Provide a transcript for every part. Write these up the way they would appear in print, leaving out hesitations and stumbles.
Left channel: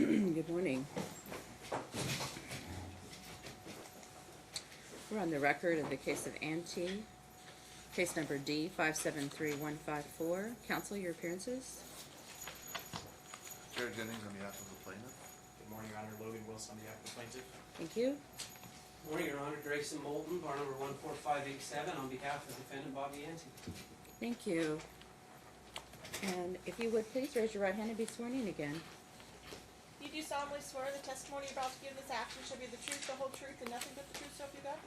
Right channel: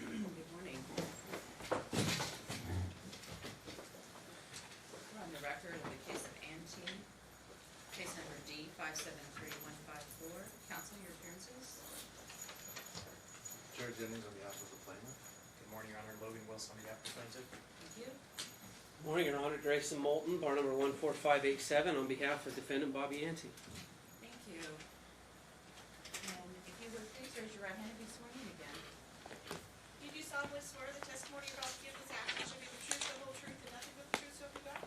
Good morning. We're on the record of the case of Antee, case number D573154. Counsel, your appearances? Jared Jennings on behalf of the plaintiff. Good morning, Your Honor. Logan Wilson on behalf of the plaintiff. Thank you. Morning, Your Honor. Grayson Moulton, bar number 14587, on behalf of defendant Bobby Antee. Thank you. And if you would please raise your right hand and be sworn in again. You do solemnly swear the testimony you're about to give this afternoon shall be the truth, the whole truth, and nothing but the truth, so help you God?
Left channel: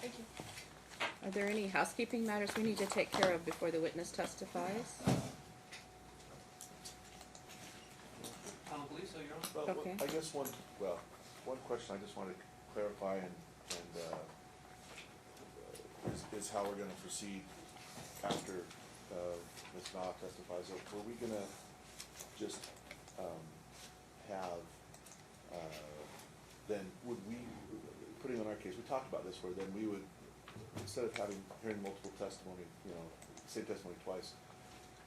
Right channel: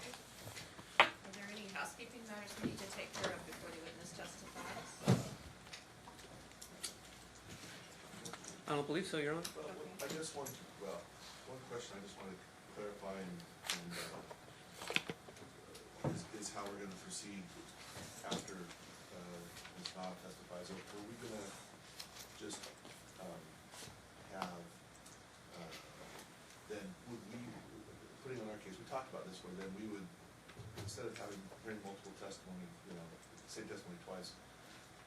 Thank you. Are there any housekeeping matters we need to take care of before the witness testifies? I don't believe so, Your Honor. Well, Okay. I guess one question I just wanted to clarify is how we're gonna proceed after, Ms. Knopf testifies. Were we gonna just, have, then would we, putting on our case, we talked about this, where then we would, instead of hearing multiple testimony, same testimony twice,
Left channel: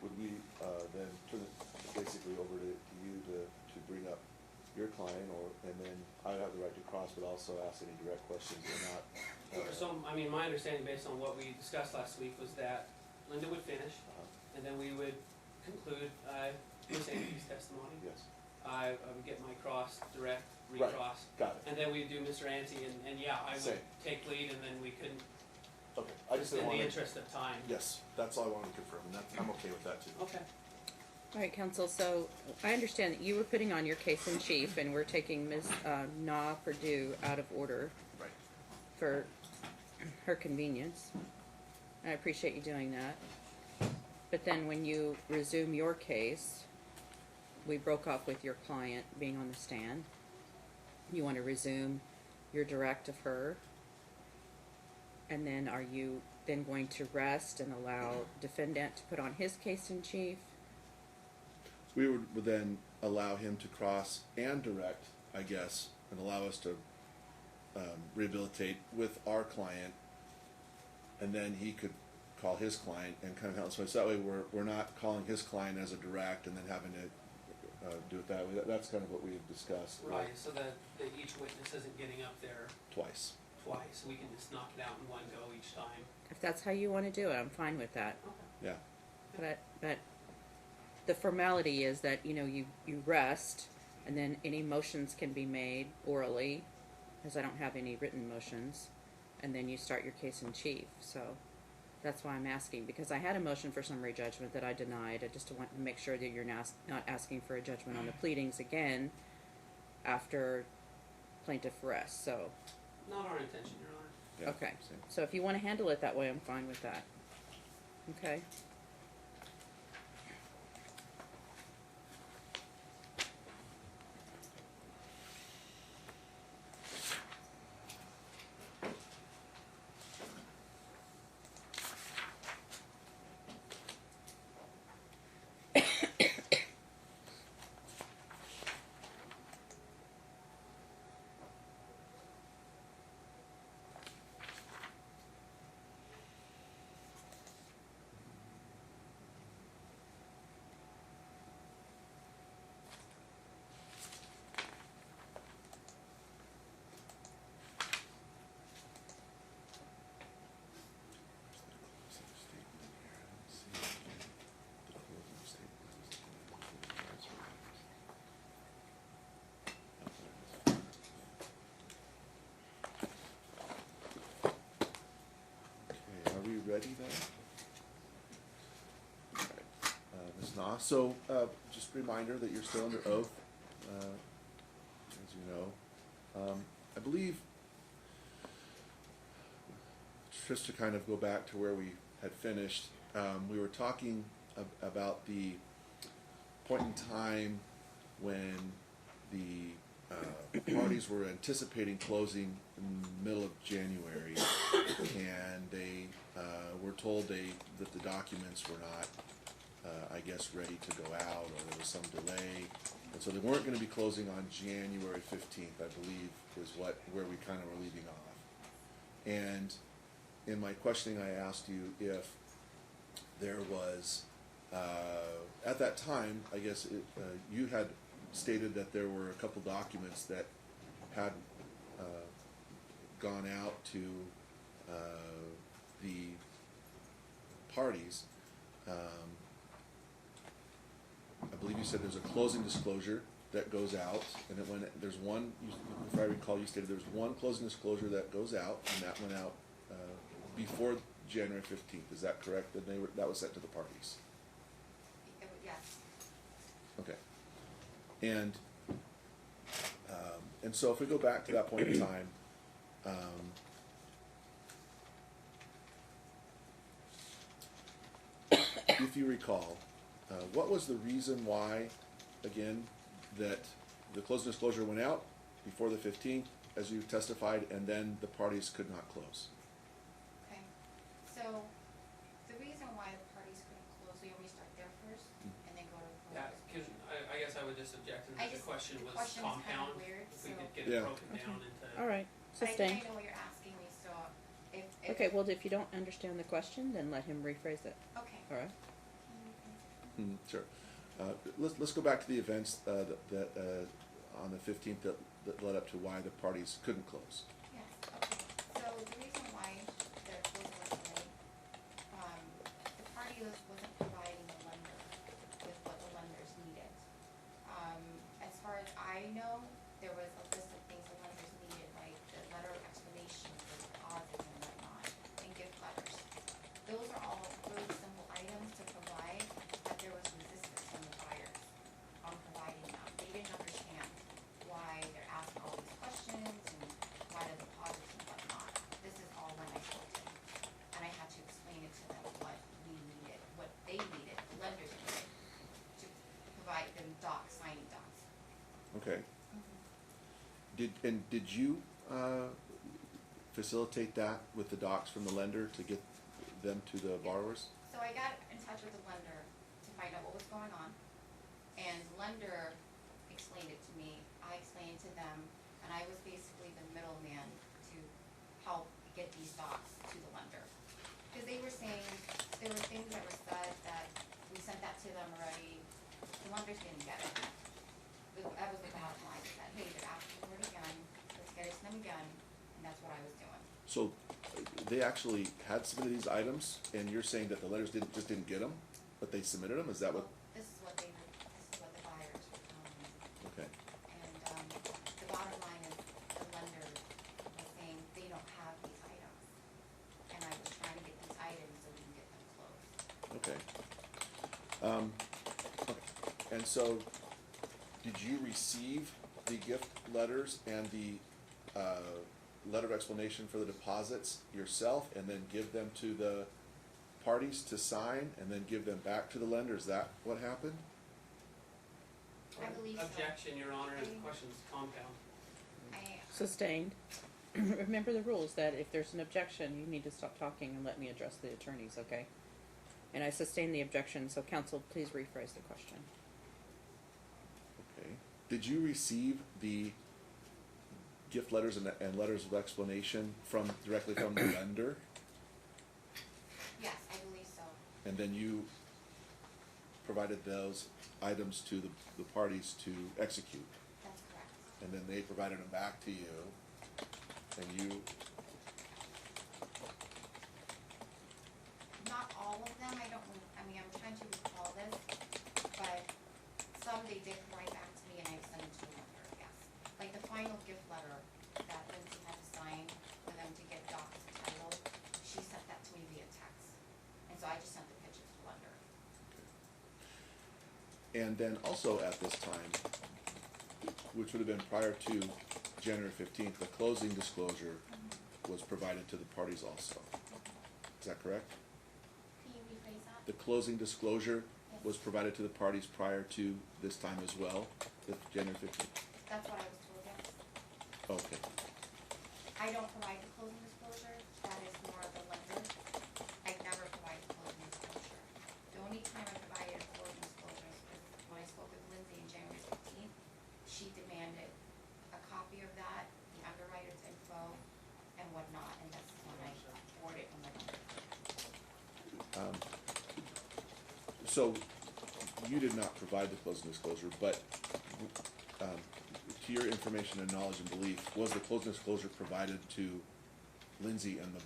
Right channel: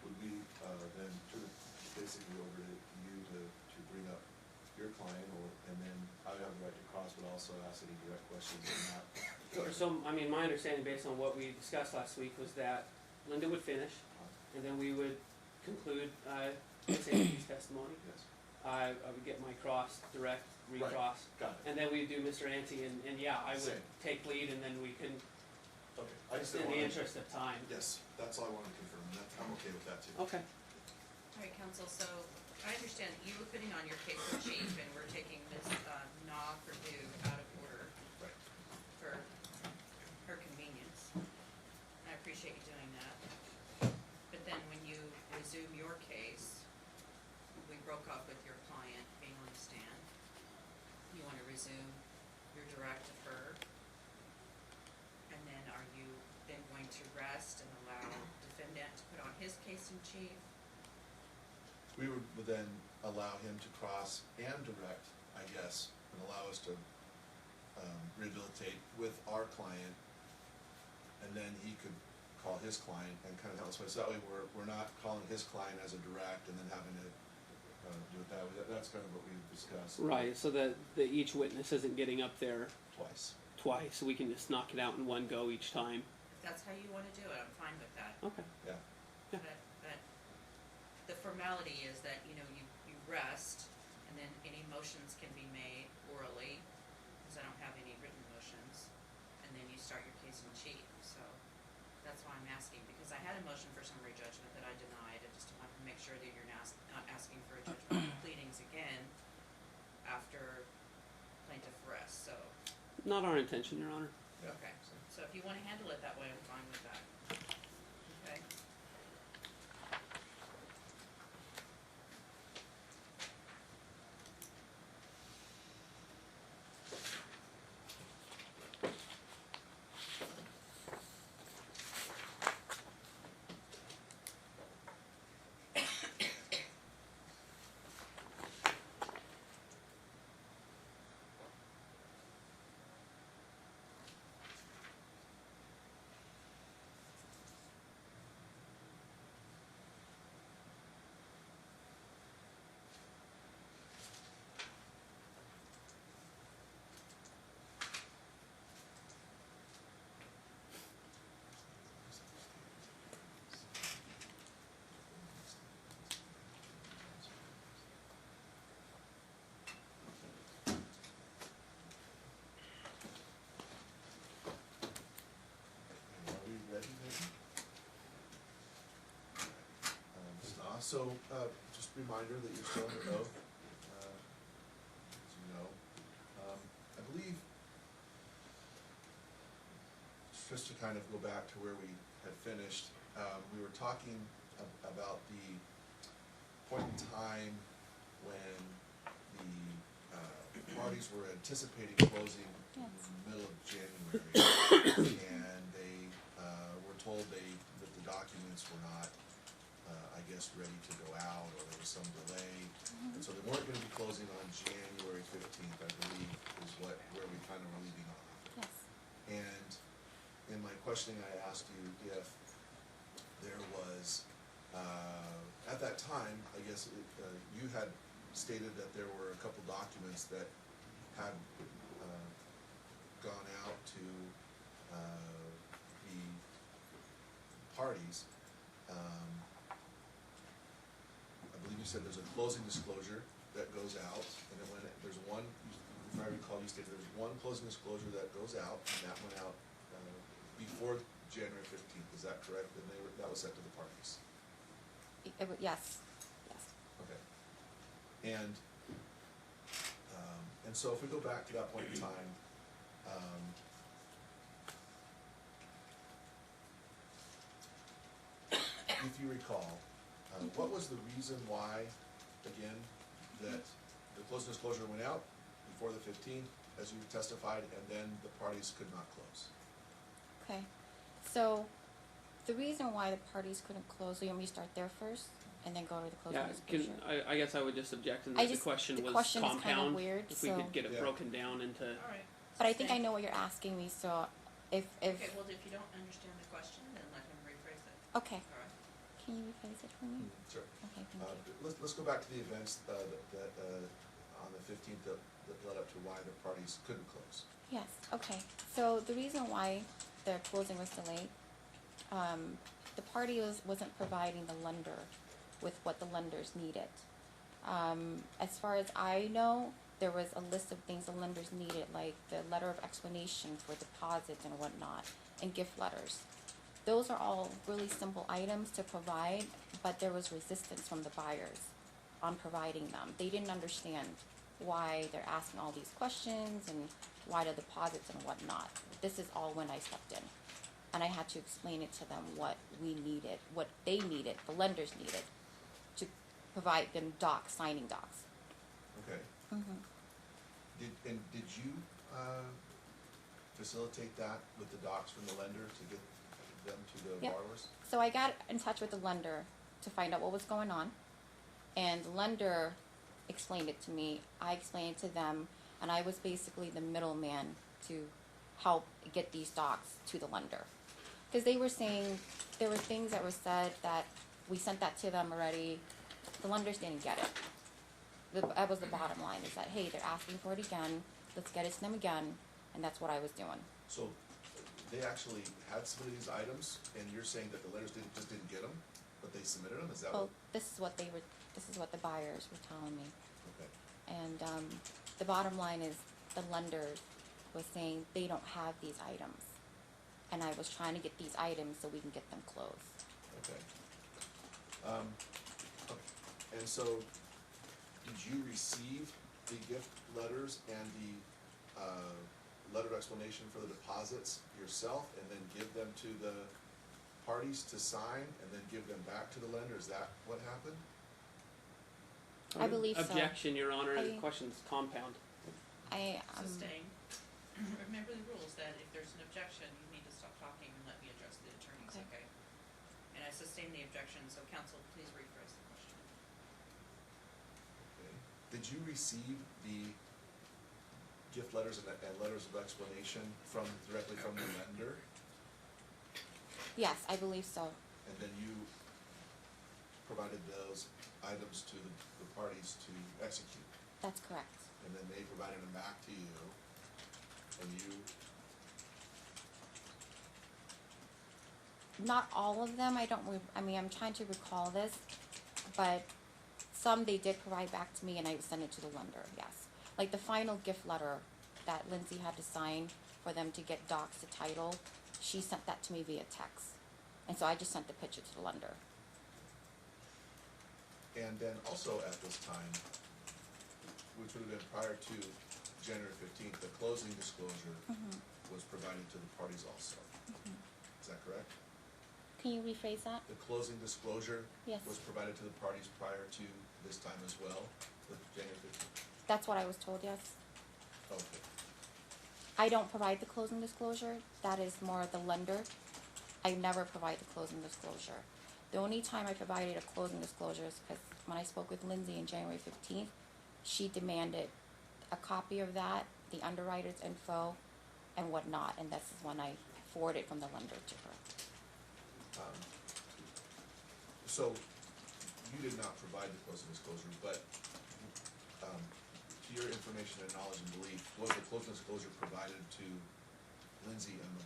would we, then turn it basically over to you to bring up your client, and then I would have the right to cross, but also ask any direct questions or not? So, I mean, my understanding based on what we discussed last week was that Linda would finish, and then we would conclude Ms. Antee's testimony. Yes. I would get my cross, direct, recross. Right. Got it. And then we'd do Mr. Antee, and yeah, I would Same. take lead, and then we could, Okay, I just in didn't the want interest of time. Yes, that's all I wanted to confirm, and I'm okay with that too. Okay. All right, counsel, so I understand that you were putting on your case in chief, and we're taking Ms. Purdue out of order Right. for her convenience. I appreciate you doing that. But then when you resume your case, we broke off with your client being on the stand. You want to resume your direct of her? And then are you then going to rest and allow defendant to put on his case in chief? We would then allow him to cross and direct, I guess, and allow us to rehabilitate with our client, and then he could call his client and kind of help. So that way we're not calling his client as a direct and then having to do it that way. That's kind of what we had discussed. Right, so that each witness isn't getting up there Twice. twice, so we can just knock it out in one go each time. If that's how you want to do it, I'm fine with that. Okay. Yeah. But the formality is that, you rest, and then any motions can be made orally, as I don't have any written motions, and then you start your case in chief. So that's why I'm asking, because I had a motion for summary judgment that I denied. I just want to make sure that you're not asking for a judgment on the pleadings again after plaintiff rests. So, Not our intention, Your Honor. Yeah. okay. Same. So if you want to handle it that way, I'm fine with that. Okay. Ready then? Ms. Knopf, so just a reminder that you're still under oath, as you know. I believe, just to kind of go back to where we had finished, we were talking about the point in time when the parties were anticipating closing in the middle of January, and they were told that the documents were not, I guess, ready to go out, or there was some delay, and so they weren't going to be closing on January 15th, I believe, is where we kind of were leaving off. Yes. And in my questioning, I asked you if there was, at that time, I guess you had stated that there were a couple documents that had gone out to the parties. I believe you said there's a closing disclosure that goes out, and then there's one, if I recall, you stated there's one closing disclosure that goes out, and that went out before January 15th. Is that correct? That that was sent to the parties. Yes. Okay. And so if we go back to that point in time, if you recall, what was the reason why, again, that the closing disclosure went out before the 15th, as you testified, and then the parties could not close? Okay. So the reason why the parties couldn't close, so you want me to start there first and then go to the closing Yeah, disclosure? I guess I would just object in I that the just- question the was question is kinda compound. weird, If we so- could get it Yeah. broken down into. All right. But I think I sustain. know what you're asking me, so if Okay, well, if you don't understand the question, then let him rephrase it. okay. All right. Can you rephrase it for me? Sure. Okay, thank you. Let's go back to the events that on the 15th that led up to why the parties couldn't close. Yes, okay. So the reason why the closing was delayed, the party wasn't providing the lender with what the lenders needed. As far as I know, there was a list of things the lenders needed, like the letter of explanation for deposits and whatnot, and gift letters. Those are all really simple items to provide, but there was resistance from the buyers on providing them. They didn't understand why they're asking all these questions and why the deposits and whatnot. This is all when I stepped in. And I had to explain it to them what we needed, what they needed, the lenders needed, to provide them signing docs. Okay. Did you facilitate that with the docs from the lender to get them to the Yep. borrowers? So I got in touch with the lender to find out what was going on, and the lender explained it to me, I explained it to them, and I was basically the middleman to help get these docs to the lender. Because they were saying, there were things that were said that we sent that to them already, the lenders didn't get it. That was the bottom line, is that, hey, they're asking for it again, let's get it to them again, and that's what I was doing. So they actually had submitted these items, and you're saying that the lenders just didn't get them, but they submitted them? Is that Well, what? this is what the buyers were telling me. Okay. And, the bottom line is, the lender was saying they don't have these items. And I was trying to get these items so we can get them closed. Okay. Okay. And so, did you receive the gift letters and the letter of explanation for the deposits yourself, and then give them to the parties to sign, and then give them back to the lender? Is that what happened? I believe so. Objection, Your Honor, the I- question's compound. Sustained. Remember the rules that if there's an objection, you need to stop talking and let me address the attorneys, okay? And I sustain the objection, so counsel, please rephrase the question. Okay. Did you receive the gift letters and letters of explanation directly from the lender, Yes, I believe so. and then you provided those items to the parties to execute, That's correct. and then they provided them back to you, and you, Not all of them, I'm trying to recall this, but some they did provide back to me and I sent it to the lender, yes. Like the final gift letter that Lindsay had to sign for them to get docs to title, she sent that to me via text. And so I just sent the picture to the lender. and then also at this time, which would have been prior to January 15th, the closing disclosure was provided to the parties also. Is that correct? Can you rephrase that? The closing disclosure Yes. was provided to the parties prior to this time as well, the January 15th? That's what I was told, yes. Okay. I don't provide the closing disclosure, that is more of the lender. I never provide the closing disclosure. The only time I provided a closing disclosure is because when I spoke with Lindsay on January 15th, she demanded a copy of that, the underwriter's info, and whatnot, and that's when I forwarded from the lender to her. So, you did not provide the closing disclosure, but to your information and knowledge and belief, was the closing disclosure provided to Lindsay and the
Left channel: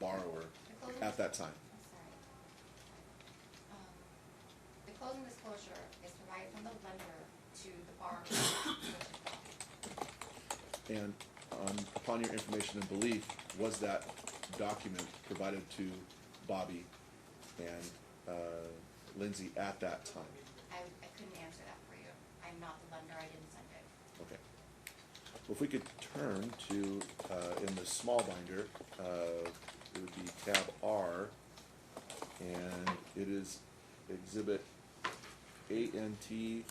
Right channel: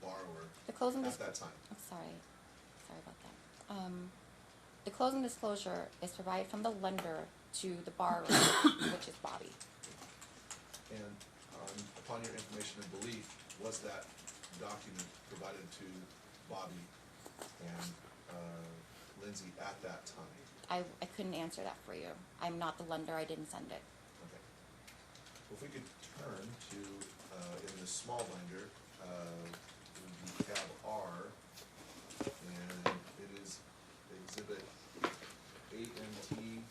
borrower The closing at that time? Oh, sorry about that. The closing disclosure is provided from the lender to the borrower, which is Bobby. And upon your information and belief, was that document provided to Bobby and Lindsay at that time? I couldn't answer that for you. I'm not the lender, I didn't send it. Okay. Well, if we could turn to, in the small binder, it would be tab R, and it is exhibit Antee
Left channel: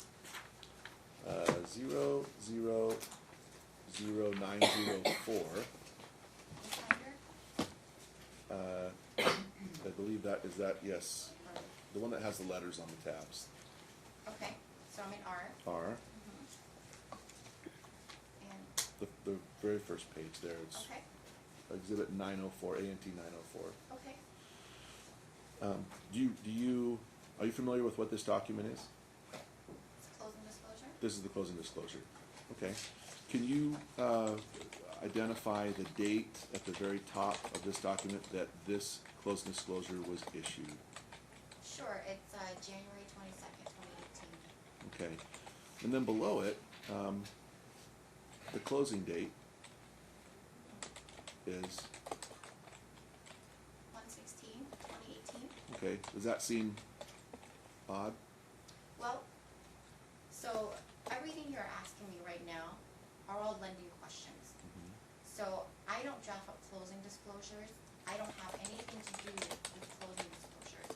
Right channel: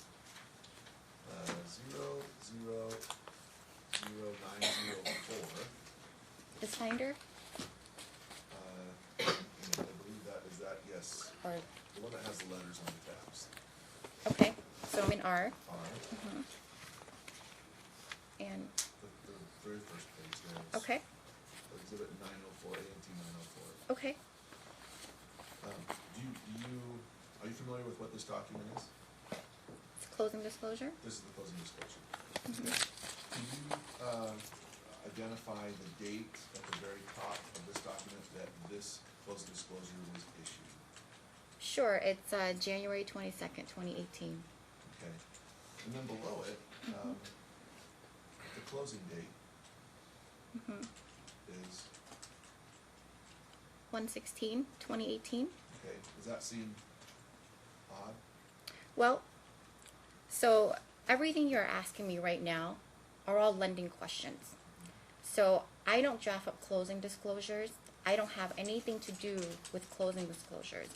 000904. This binder, I believe that is that, yes, or, the one that has the letters on the tabs. okay, so I'm in R. R, And, the very first page there, it's okay, exhibit 904, Antee 904. okay. Are you familiar with what this document is? It's closing disclosure? This is the closing disclosure. Okay. Can you identify the date at the very top of this document that this closing disclosure was issued? Sure, it's January 22nd, 2018. Okay. And then below it, the closing date is, 1/16, 2018. okay, does that seem odd? Well, so everything you're asking me right now are all lending questions. So I don't draft up closing disclosures. I don't have anything to do with closing disclosures.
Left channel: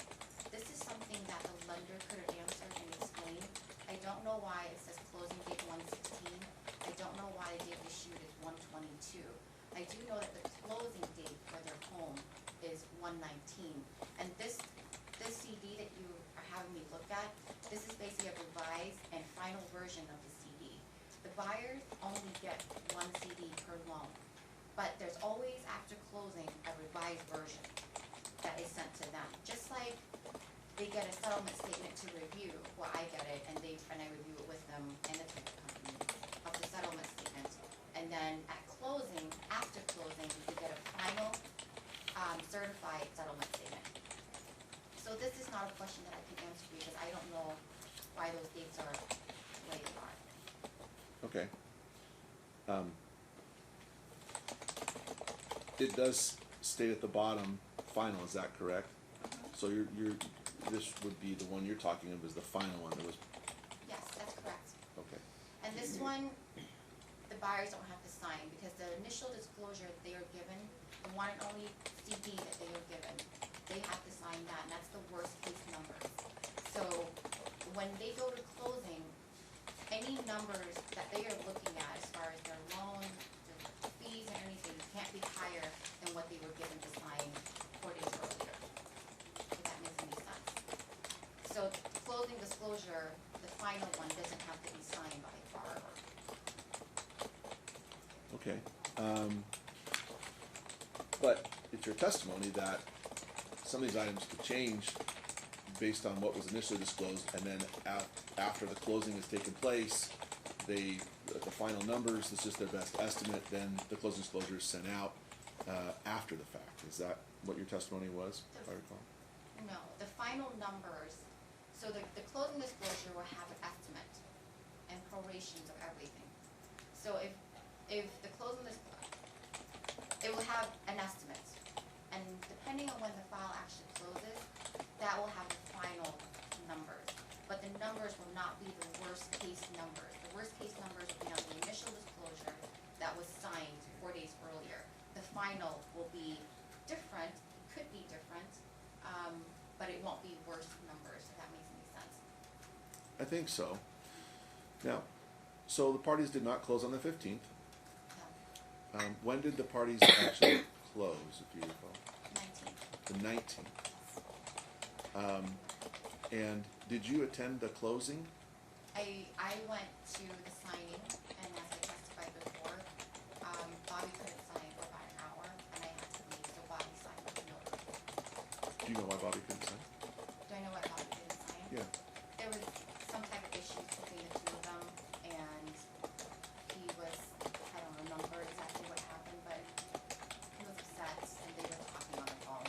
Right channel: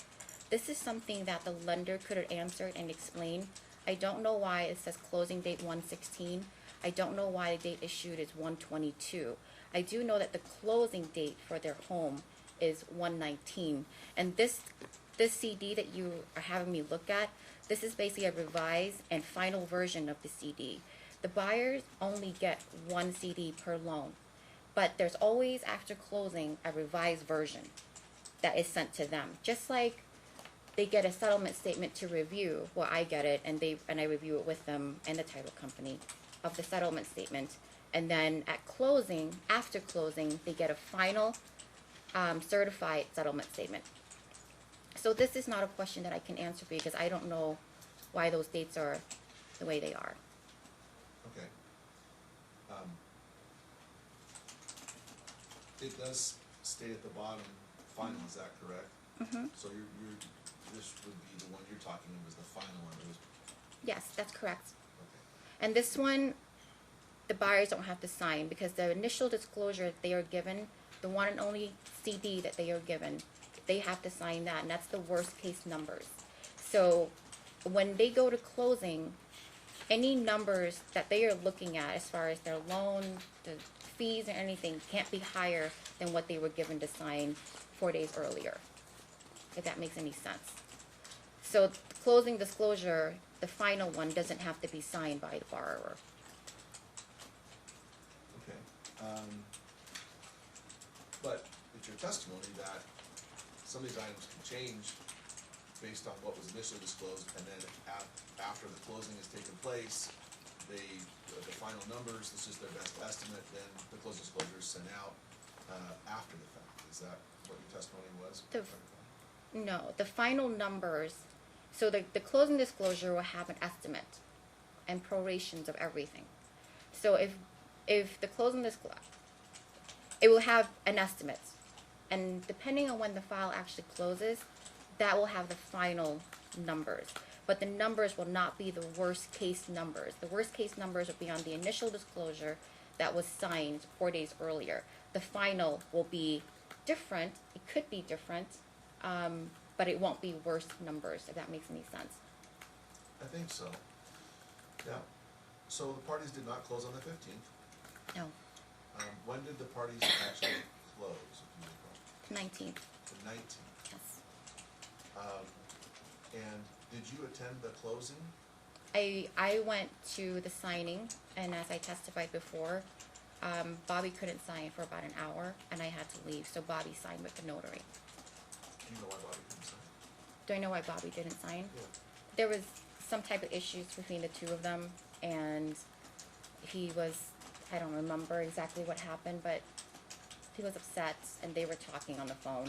This is something that the lender could have answered and explained. I don't know why it says closing date 1/16. I don't know why the date issued is 1/22. I do know that the closing date for their home is 1/19. And this CD that you are having me look at, this is basically a revised and final version of the CD. The buyers only get one CD per loan, but there's always, after closing, a revised version that is sent to them. Just like they get a settlement statement to review, well, I get it, and I review it with them and the title company of the settlement statement. And then at closing, after closing, they get a final certified settlement statement. So this is not a question that I can answer because I don't know why those dates are the way they are. Okay. It does state at the bottom, final, is that correct? So this would be the one you're talking of, is the final one, it was, Yes, that's correct. okay. And this one, the buyers don't have to sign because the initial disclosure that they are given, the one and only CD that they are given, they have to sign that, and that's the worst case numbers. So when they go to closing, any numbers that they are looking at as far as their loan, the fees and anything can't be higher than what they were given to sign 4 days earlier, if that makes any sense. So closing disclosure, the final one doesn't have to be signed by the borrower. Okay, but it's your testimony that some of these items could change based on what was initially disclosed, and then after the closing has taken place, the final numbers, this is their best estimate, then the closing disclosure is sent out after the fact. Is that what your testimony was? The- if I recall? No, the final numbers, so the closing disclosure will have an estimate and prorations of everything. So if the closing disclosure, it will have an estimate, and depending on when the file actually closes, that will have the final numbers. But the numbers will not be the worst case numbers. The worst case numbers will be on the initial disclosure that was signed 4 days earlier. The final will be different, it could be different, but it won't be worst numbers, if that makes any sense. I think so. Now, so the parties did not close on the 15th. No, When did the parties actually close, if you recall? 19th, The 19th. yes. And did you attend the closing? I went to the signing, and as I testified before, Bobby couldn't sign for about an hour, and I had to leave, so Bobby signed with the notary. Do you know why Bobby couldn't sign? Do I know why Bobby didn't sign? Yeah. There was some type of issues between the two of them, and he was, I don't remember exactly what happened, but he was upset, and they were talking on the phone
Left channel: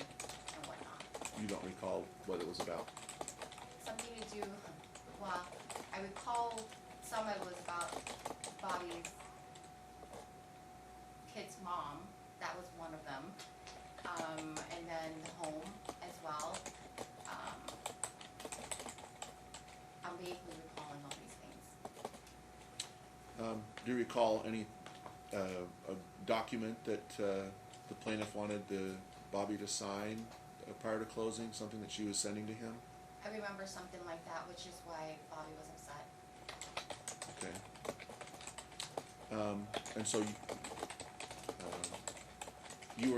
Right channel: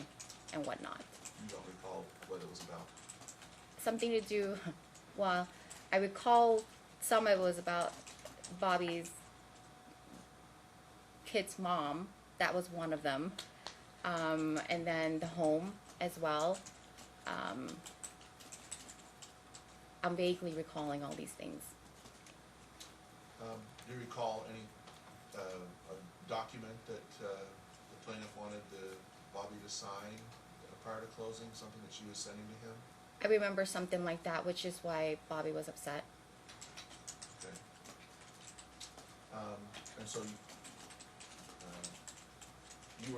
and whatnot. You don't recall what it was about? Something to do, well, I recall some of it was about Bobby's kid's mom. That was one of them. And then the home as well. I'm vaguely recalling all these things. Do you recall any a document that the plaintiff wanted Bobby to sign prior to closing, something that she was sending to him? I remember something like that, which is why Bobby was upset. Okay. And so you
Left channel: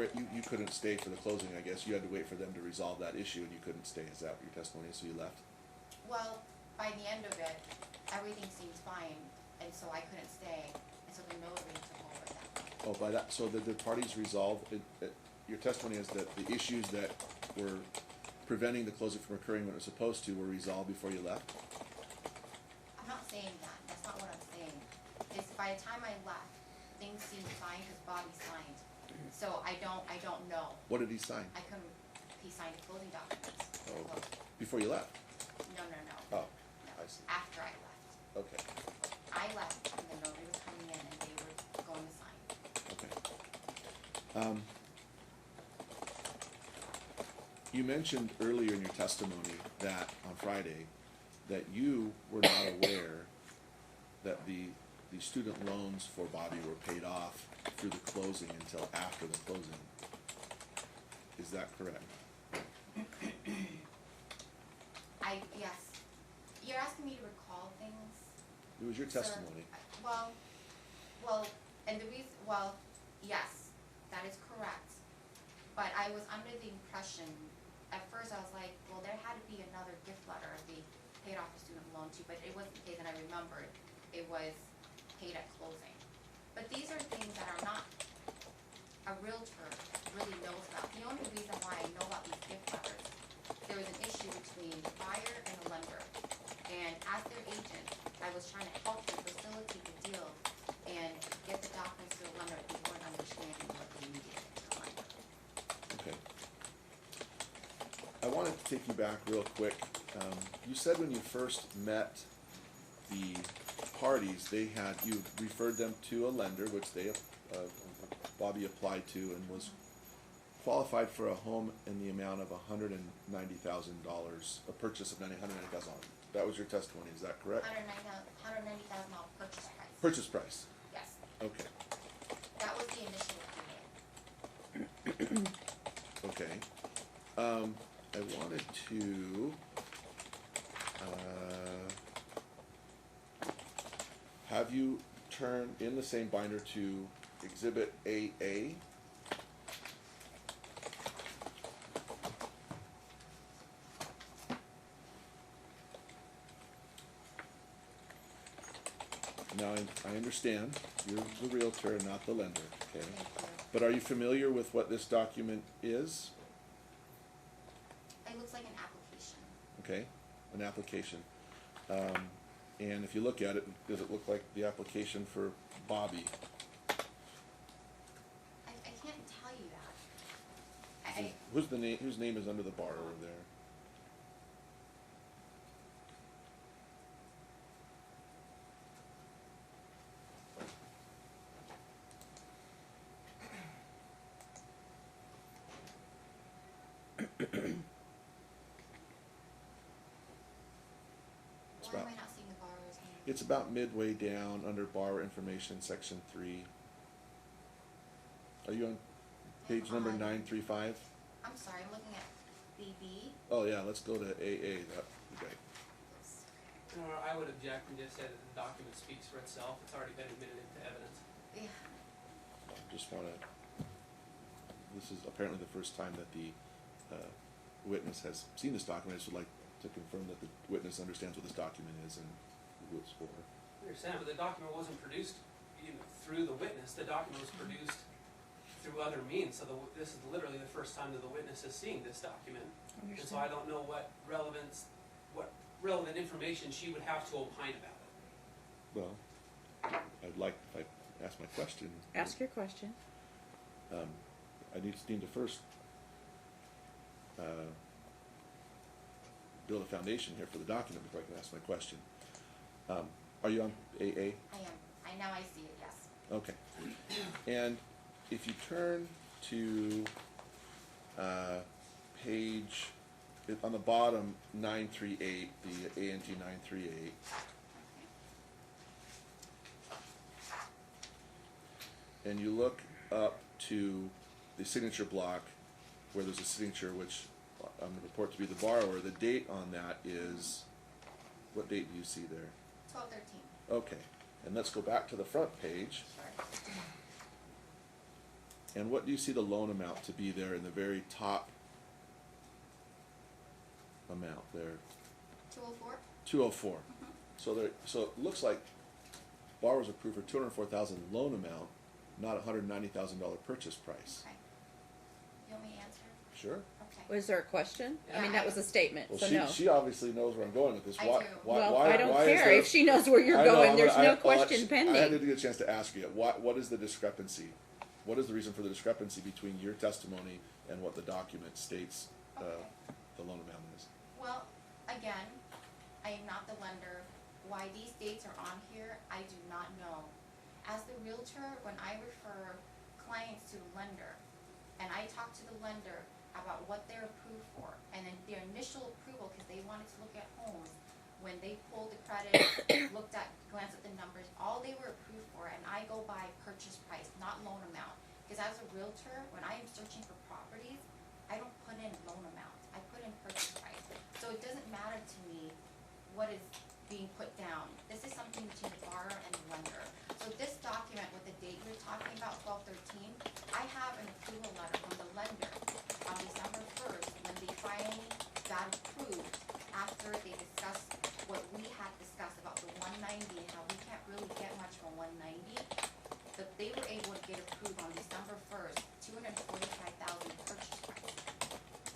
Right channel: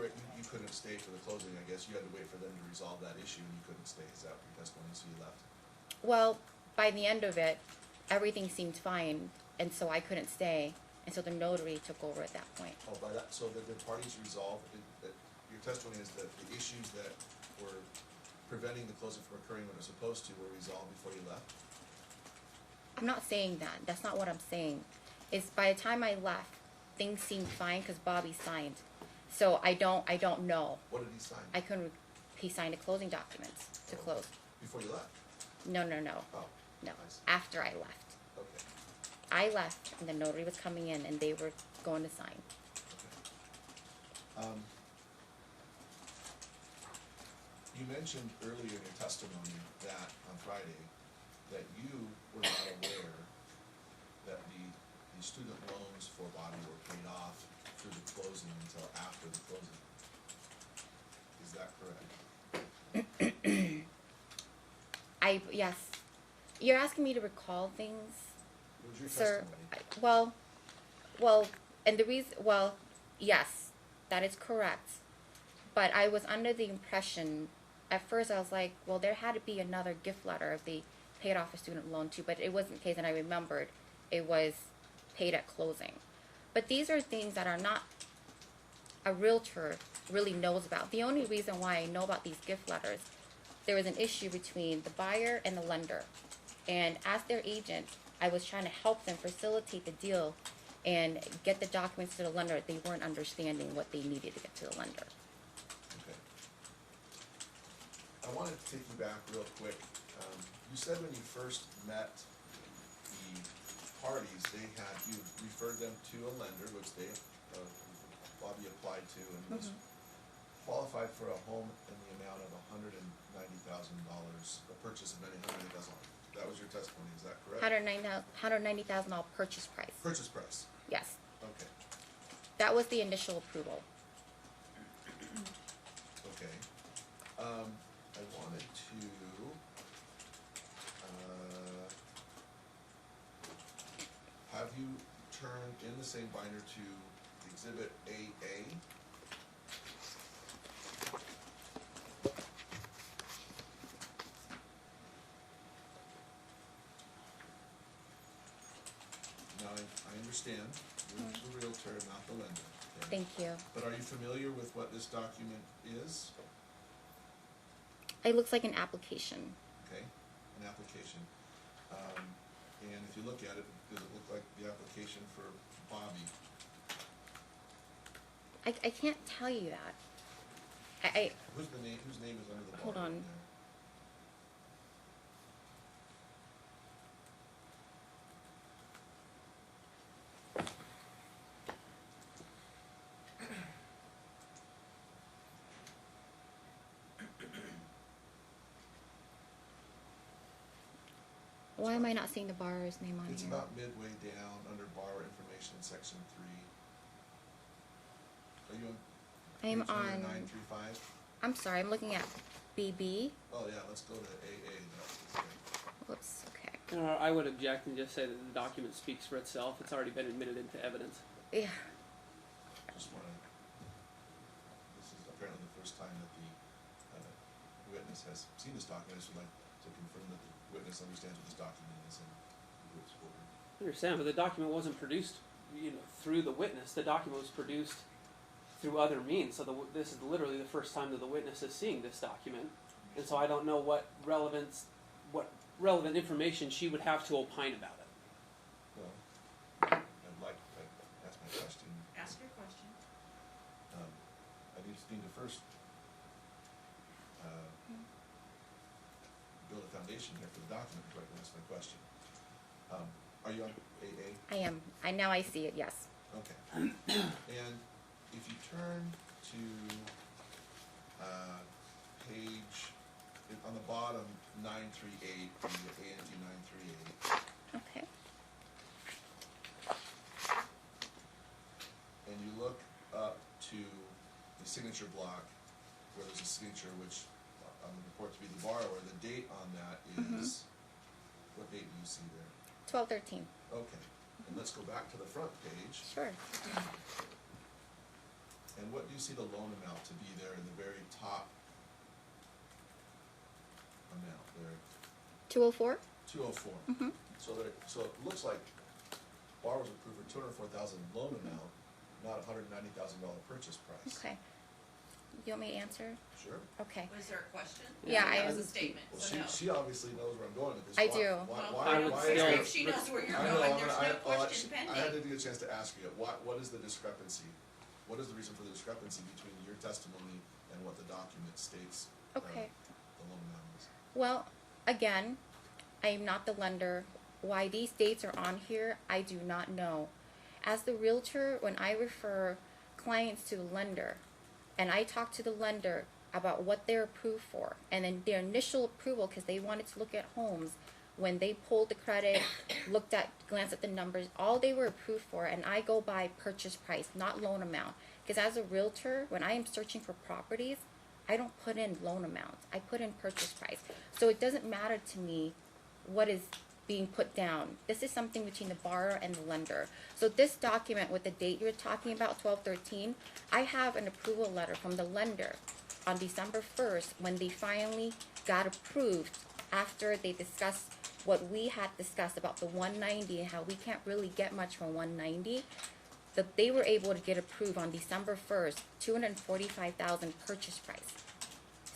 couldn't stay for the closing, I guess. You had to wait for them to resolve that issue, and you couldn't stay. Is that what your testimony is? So you left? Well, by the end of it, everything seemed fine, and so I couldn't stay, and so the notary took over at that point. Oh, by that, so the parties resolved, your testimony is that the issues that were preventing the closing from occurring when it was supposed to were resolved before you left? I'm not saying that. That's not what I'm saying. It's by the time I left, things seemed fine because Bobby signed. So I don't know. What did he sign? He signed the closing documents to close. Before you left? No. Oh, No. I see. After I left. Okay. I left and the notary was coming in and they were going to sign. Okay. You mentioned earlier in your testimony that on Friday that you were not aware that the student loans for Bobby were paid off through the closing until after the closing. Is that correct? Yes. You're asking me to recall things? It was your Sir, testimony. Yes, that is correct. But I was under the impression, at first I was like, well, there had to be another gift letter if they paid off a student loan too, but it wasn't the case, and I remembered it was paid at closing. But these are things that are not a realtor really knows about. The only reason why I know about these gift letters, there was an issue between the buyer and the lender. And as their agent, I was trying to help them facilitate the deal and get the documents to the lender. They weren't understanding what they needed to get to the lender. Okay. I wanted to take you back real quick. You said when you first met the parties, you referred them to a lender, which Bobby applied to and was qualified for a home in the amount of $190,000, a purchase of $190,000. That was your testimony, is that correct? $190,000 purchase price. Purchase price. Yes, Okay. that was the initial approval. Okay. I wanted to have you turn in the same binder to Exhibit AA. Now, I understand, you're the realtor and not the lender, okay? Thank you. But are you familiar with what this document is? It looks like an application. Okay, an application. And if you look at it, does it look like the application for Bobby? I can't tell you that. Whose name is under the bar Hold on. over there? Why am I not seeing the borrower's name on It's here? about midway down under borrower information, section 3. Are you on I am page number on- 935? I'm sorry, I'm looking at BB. Oh yeah, let's go to AA, that's great. Whoops, okay. I would object and just say that the document speaks for itself. It's already been admitted into evidence. Yeah, Just wanna, this is apparently the first time that the witness has seen this document. I just would like to confirm that the witness understands what this document is and who it's for. I understand, but the document wasn't produced, through the witness. The document was produced through other means. So this is literally the first time that the witness is seeing this document. And so I don't know what relevance, what relevant information, she would have to opine about it. Well, I'd ask my question. Ask your question. I need to first build a foundation here for the document before I can ask my question. Are you on AA? I am. Now I see it, yes. Okay. And if you turn to page, on the bottom, 938, the ANG 938, Okay. and you look up to the signature block where there's a signature which I'm going to report to be the borrower, the date on that is, what date do you see there? 12/13. Okay, and let's go back to the front page. Sure. And what do you see the loan amount to be there in the very top amount there? 204. 204. Mhm. So it looks like borrowers approved for $204,000 loan amount, not $190,000 purchase price. Okay. You want me to answer? Sure. Okay. Was there a question? Yeah, I mean, that I- was a statement, Well, so she, no. she obviously knows where I'm going with this. I Why- do. Why, Well, I don't why is care there- if she knows where you're I know, going, there's no well, question I pending. had to get a chance to ask you, what is the discrepancy? What is the reason for the discrepancy between your testimony and what the document states Okay. the loan amount is? Well, again, I am not the lender. Why these dates are on here, I do not know. As the realtor, when I refer clients to the lender, and I talk to the lender about what they're approved for, and then their initial approval, because they wanted to look at homes, when they pulled the credit, glanced at the numbers, all they were approved for, and I go by purchase price, not loan amount. Because as a realtor, when I am searching for properties, I don't put in loan amounts. I put in purchase price. So it doesn't matter to me what is being put down. This is something between the borrower and the lender. So this document with the date you're talking about, 12/13, I have an approval letter from the lender on December 1st when they finally got approved after they discussed what we had discussed about the 190 and how we can't really get much from 190. That they were able to get approved on December 1st, 245,000 purchase price.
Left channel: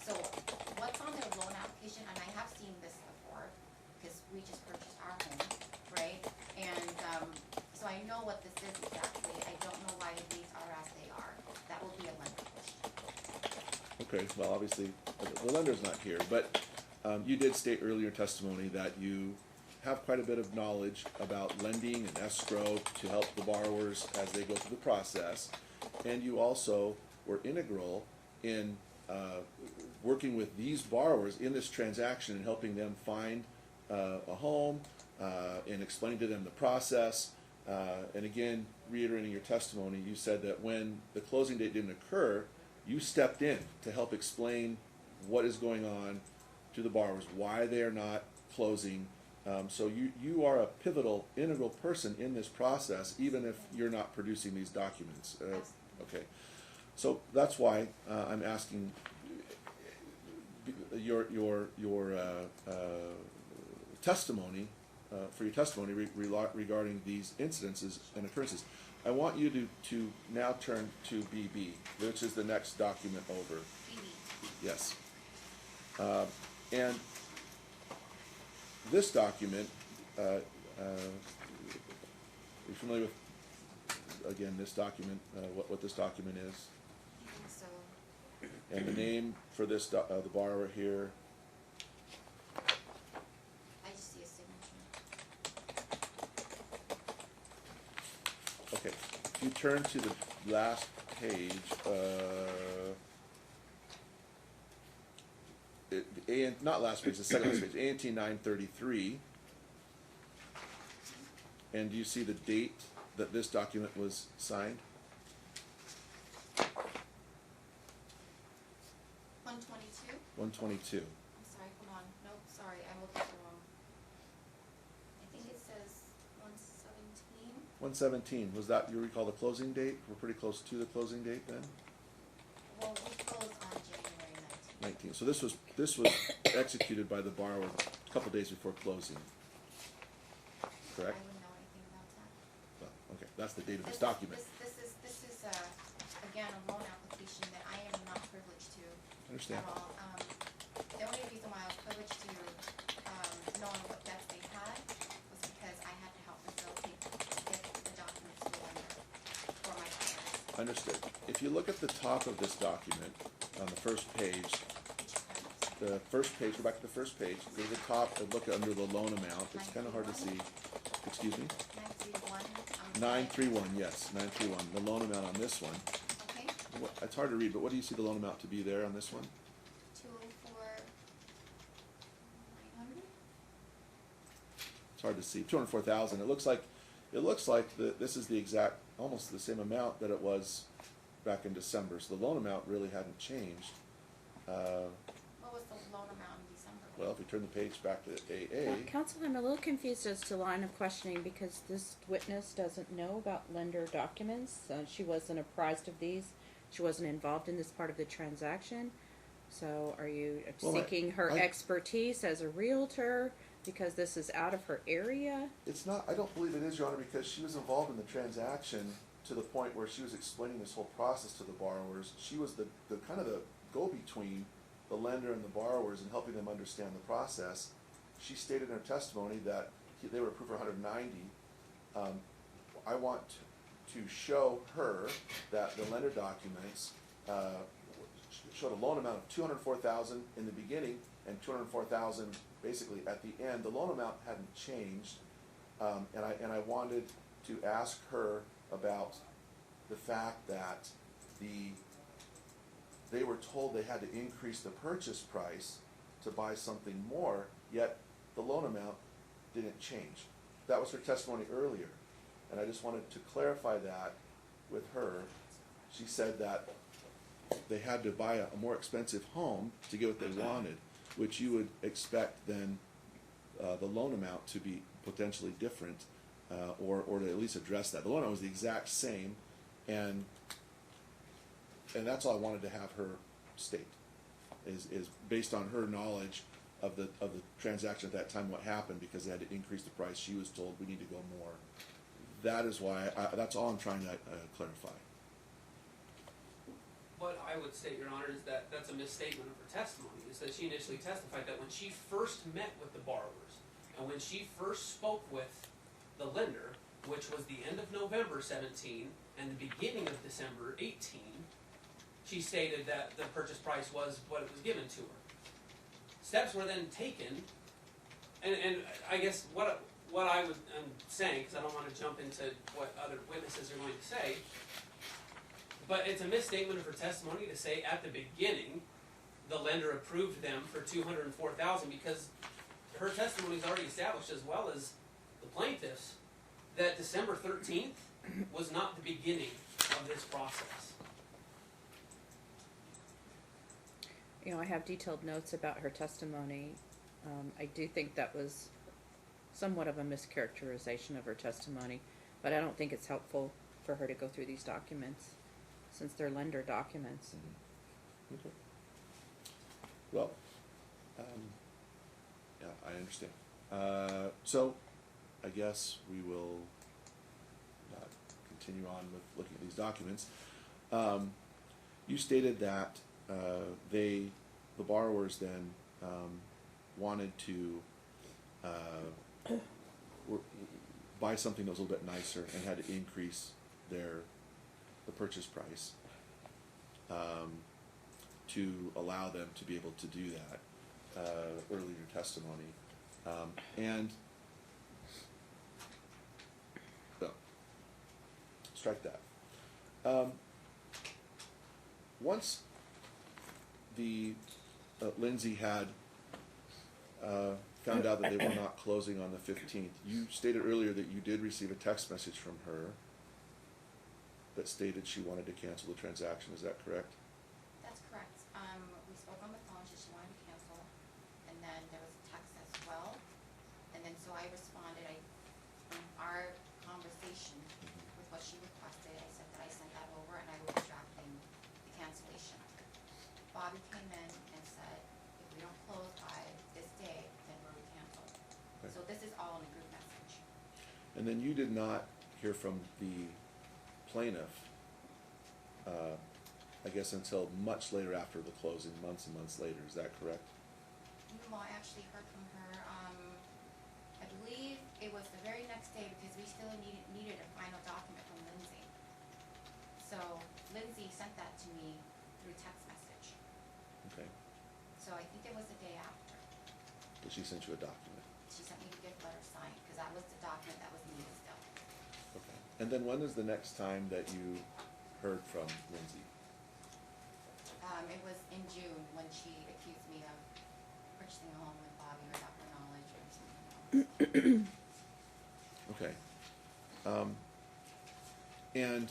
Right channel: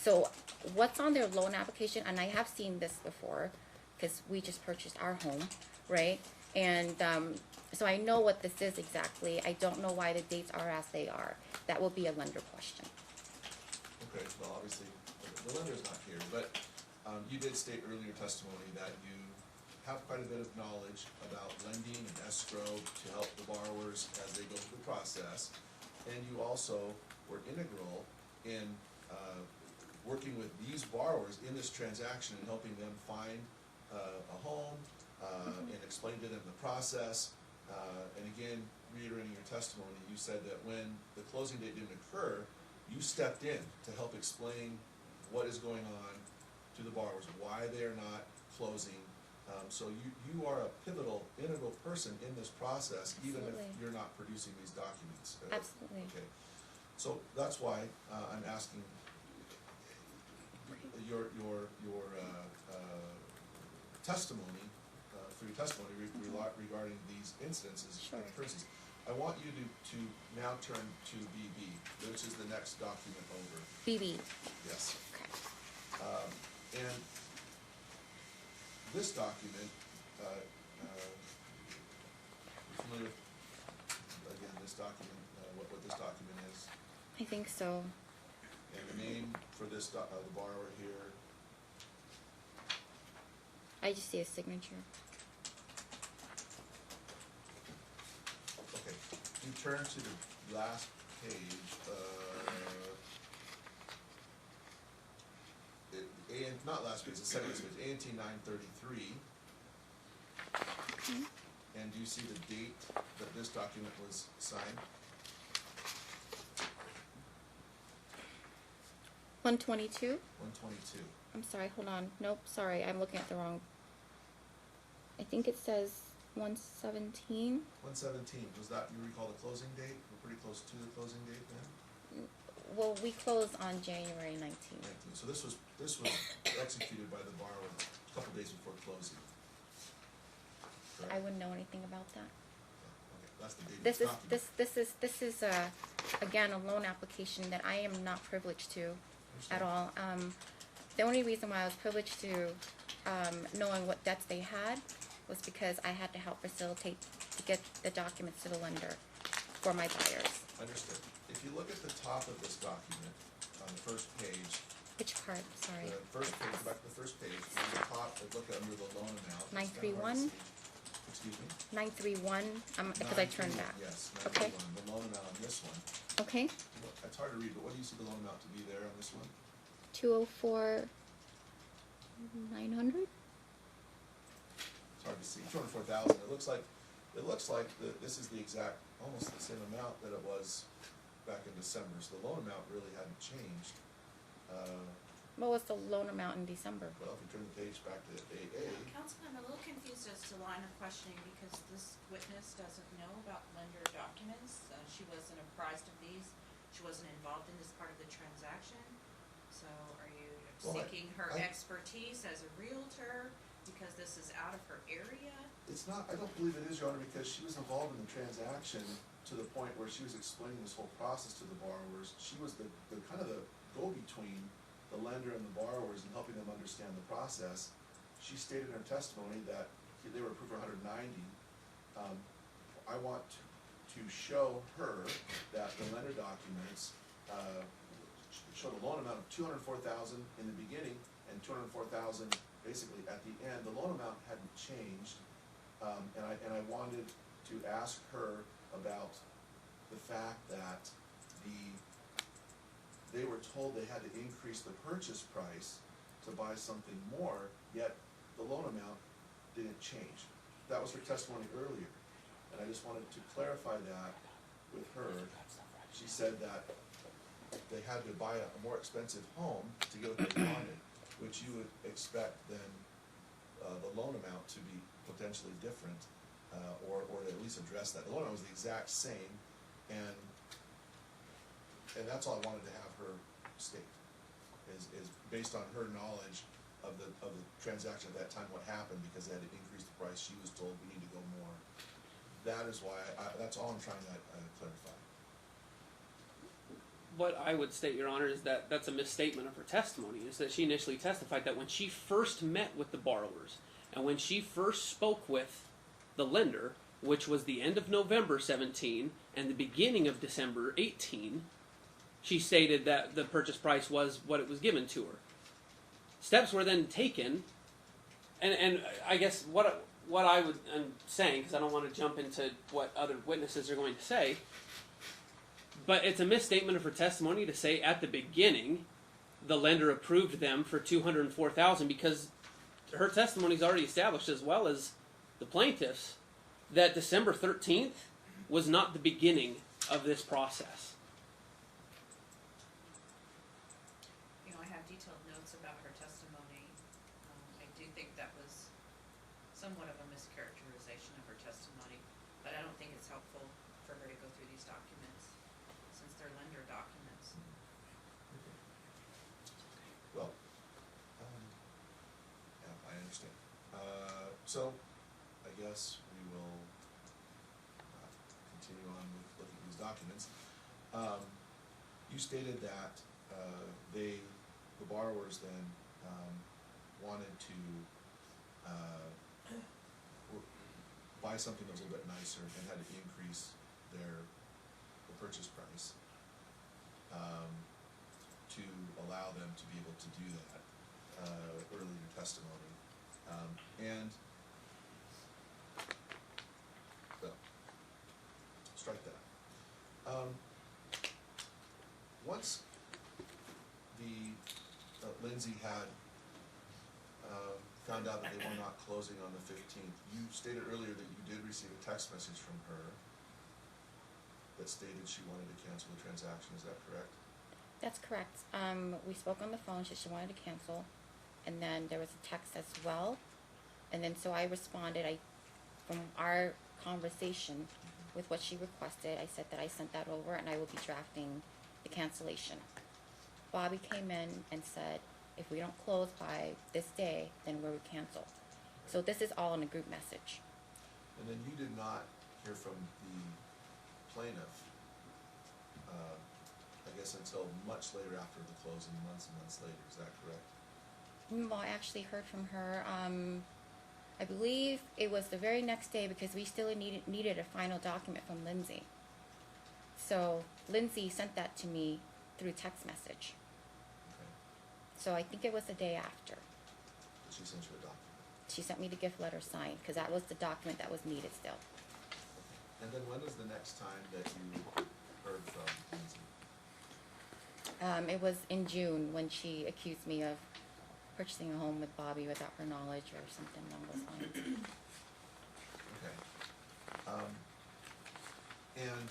So what's on their loan application, and I have seen this before, because we just purchased our home, right? And so I know what this is exactly. I don't know why the dates are as they are. That will be a lender question. Okay, well, obviously, the lender's not here, but you did state earlier in testimony that you have quite a bit of knowledge about lending and escrow to help the borrowers as they go through the process. And you also were integral in working with these borrowers in this transaction and helping them find a home and explain to them the process. And again, reiterating your testimony, you said that when the closing date didn't occur, you stepped in to help explain what is going on to the borrowers, why they are not closing. So you are a pivotal, integral person in this process, even if Absolutely. you're not producing these documents. Absolutely. Okay, so that's why I'm asking your testimony for your testimony regarding these incidences and occurrences. I want you to now turn to BB, which is the next document over. BB. Yes. And this document, you're familiar with, again, this document, what this document is? I think so. And the name for this, the borrower here, I just see a signature. okay. You turn to the last page, not last page, the second page, Antee 933. And do you see the date that this document was signed? 122. 122. I'm sorry, hold on. Nope, sorry, I'm looking at the wrong. I think it says 117. 117, was that, you recall the closing date? We're pretty close to the closing date then? Well, we closed on January 19th. 19. So this was executed by the borrower a couple days before closing. I Correct? wouldn't know anything about that. Oh, okay, that's the date of This this is document. this is again a loan application that I am not privileged to Understand? at all. The only reason why I was privileged to knowing what debts they had was because I had to help facilitate to get the documents to the lender for my buyers. Understood. If you look at the top of this document, on the first page, Which part, the sorry? first page, go back to the first page, there's a top, look under the loan amount, it's kinda hard to 931? see. Excuse me? 931, Nine three one, yes, 931, the loan amount on this one. Okay, It's hard to read, but what do you see the loan amount to be there on this one? 204, 900? It's hard to see, 204,000, it looks like this is the exact, almost the same amount that it was back in December, so the loan amount really hadn't changed. What was the loan amount in December? Well, if we turn the page back to AA, Counsel, I'm a little confused as to line of questioning because this witness doesn't know about lender documents. She wasn't apprised of these. She wasn't involved in this part of the transaction. So are you Well, seeking her I- expertise as a realtor because this is out of her area? it's not, I don't believe it is, Your Honor, because she was involved in the transaction to the point where she was explaining this whole process to the borrowers. She was the kind of the go-between the lender and the borrowers and helping them understand the process. She stated in her testimony that they were approved for 190. I want to show her that the lender documents showed a loan amount of 204,000 in the beginning and 204,000 basically at the end. The loan amount hadn't changed, and I wanted to ask her about the fact that they were told they had to increase the purchase price to buy something more, yet the loan amount didn't change. That was her testimony earlier, and I just wanted to clarify that with her. She said that they had to buy a more expensive home to get what they wanted, which you would expect then the loan amount to be potentially different, or to at least address that. The loan amount was the exact same, and that's all I wanted to have her state, is based on her knowledge of the transaction at that time, what happened, because they had to increase the price, she was told we need to go more. That is why, that's all I'm trying to clarify. What I would state, Your Honor, is that that's a misstatement of her testimony, is that she initially testified that when she first met with the borrowers, and when she first spoke with the lender, which was the end of November 17 and the beginning of December 18, she stated that the purchase price was what it was given to her. Steps were then taken, and I guess what I'm saying, because I don't want to jump into what other witnesses are going to say, but it's a misstatement of her testimony to say at the beginning the lender approved them for $204,000, because her testimony's already established, as well as the plaintiff's, that December 13th was not the beginning of this process. You know, I have detailed notes about her testimony. I do think that was somewhat of a mischaracterization of her testimony, but I don't think it's helpful for her to go through these documents, since they're lender documents. Okay. Well, yeah, I understand. So, I guess we will continue on with looking at these documents. You stated that the borrowers then wanted to buy something that was a little bit nicer and had to increase the purchase price to allow them to be able to do that early in your testimony. And so, strike that. Once the Lindsay had found out that they were not closing on the 15th, you stated earlier that you did receive a text message from her that stated she wanted to cancel the transaction. Is that correct? That's correct. We spoke on the phone, she wanted to cancel, and then there was a text as well. And then so I responded, from our conversation with what she requested, I said that I sent that over and I will be drafting the cancellation. Bobby came in and said, if we don't close by this day, then we'll cancel. Right. So this is all in a group message. And then you did not hear from the plaintiff, I guess, until much later after the closing, months and months later. Is that correct? No, I actually heard from her. I believe it was the very next day because we still needed a final document from Lindsay. So Lindsay sent that to me through text message. Okay, So I think it was the day after. but she sent you a document. She sent me the gift letter signed because that was the document that was needed still. And then when was the next time that you heard from Lindsay? It was in June when she accused me of purchasing a home with Bobby without her knowledge or something along those lines. Okay. And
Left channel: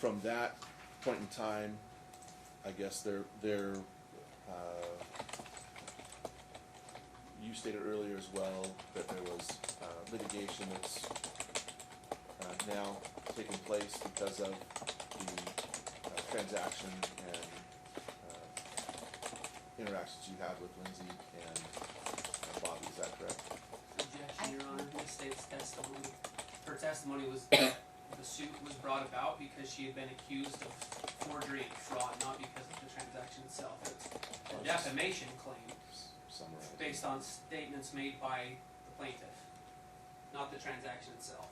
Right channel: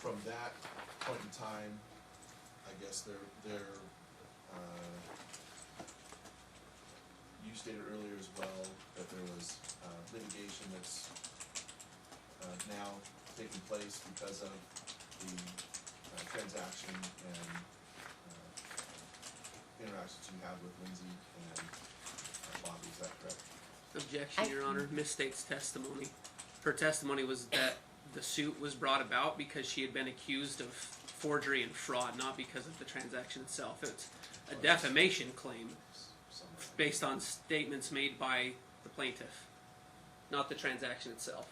from that point in time, I guess you stated earlier as well that there was litigation that's now taking place because of the transaction and interactions you had with Lindsay and Bobby, is that correct? Objection, Your Honor, misstates testimony. Her testimony was that the suit was brought about because she had been accused of forgery and fraud, not because of the transaction itself. It's a defamation claim Somewhere. based on statements made by the plaintiff, not the transaction itself.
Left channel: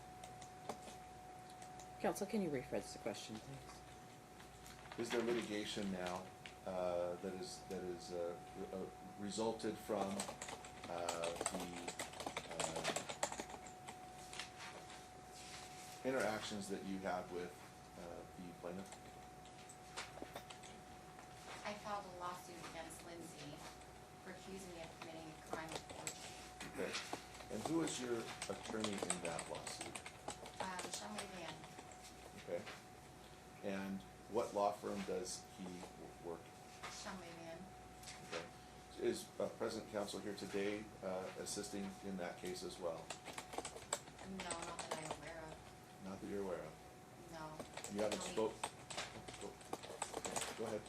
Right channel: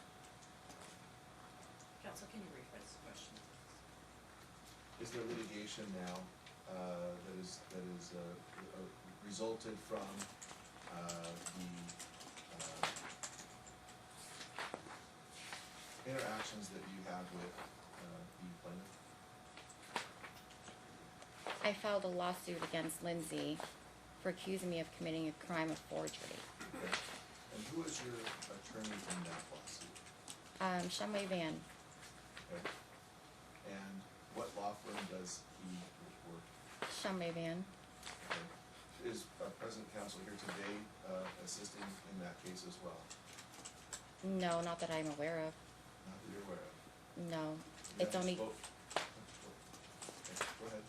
Counsel, can you rephrase the question, please? Is there litigation now that is resulted from the interactions that you had with the plaintiff? I filed a lawsuit against Lindsay for accusing me of committing a crime of forgery. Okay. And who is your attorney in that lawsuit? Shumway Van. Okay. And what law firm does he work? Shumway Van. Okay. Is present counsel here today assisting in that case as well? No, not that I'm aware of. Not that you're aware of? No. You It's haven't only, spoke? Okay, go ahead.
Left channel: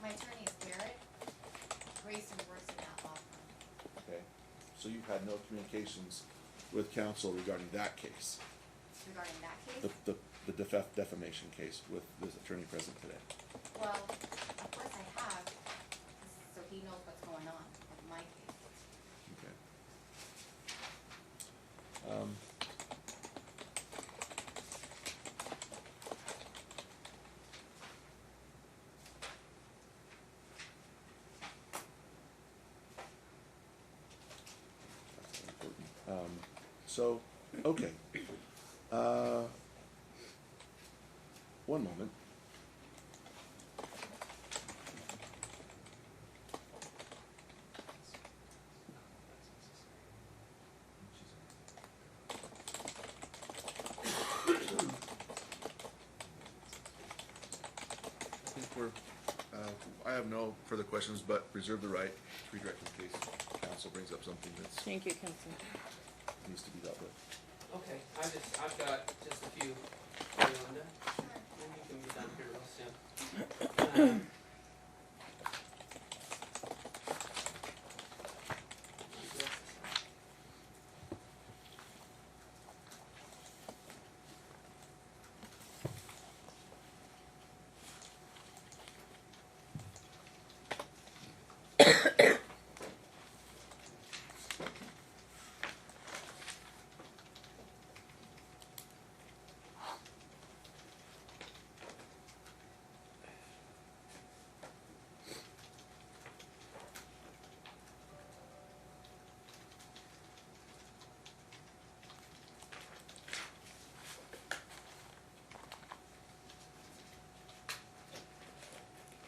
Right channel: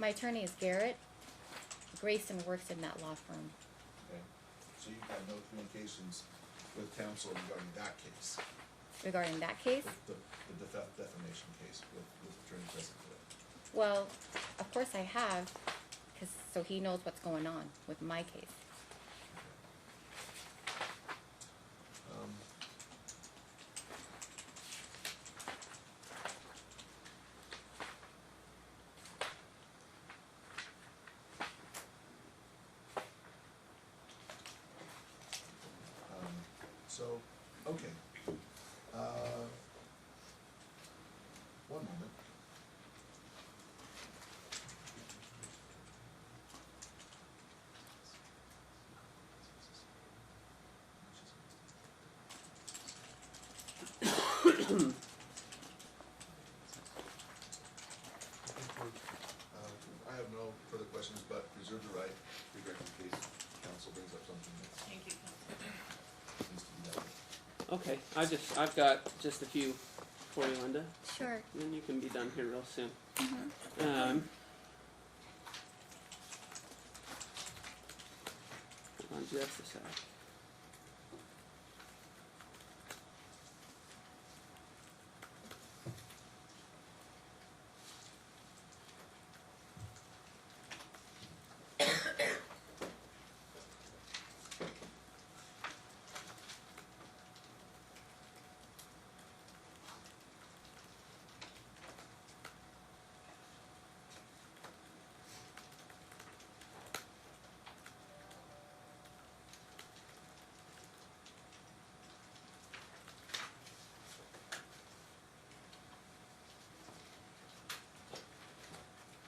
my attorney is Garrett. Grayson works in that law firm. Okay, so you've had no communications with counsel regarding that case? Regarding that case, The defamation case with this attorney present today? well, of course I have, so he knows what's going on with my case. Okay. So, okay. One moment. I have no further questions, but reserve the right to redirect in case counsel brings up something that Thank you, Counsel. needs to be dealt with. Okay, I've got just a few for you, Linda, Sure. and you can be done here real soon. Hold on just a sec.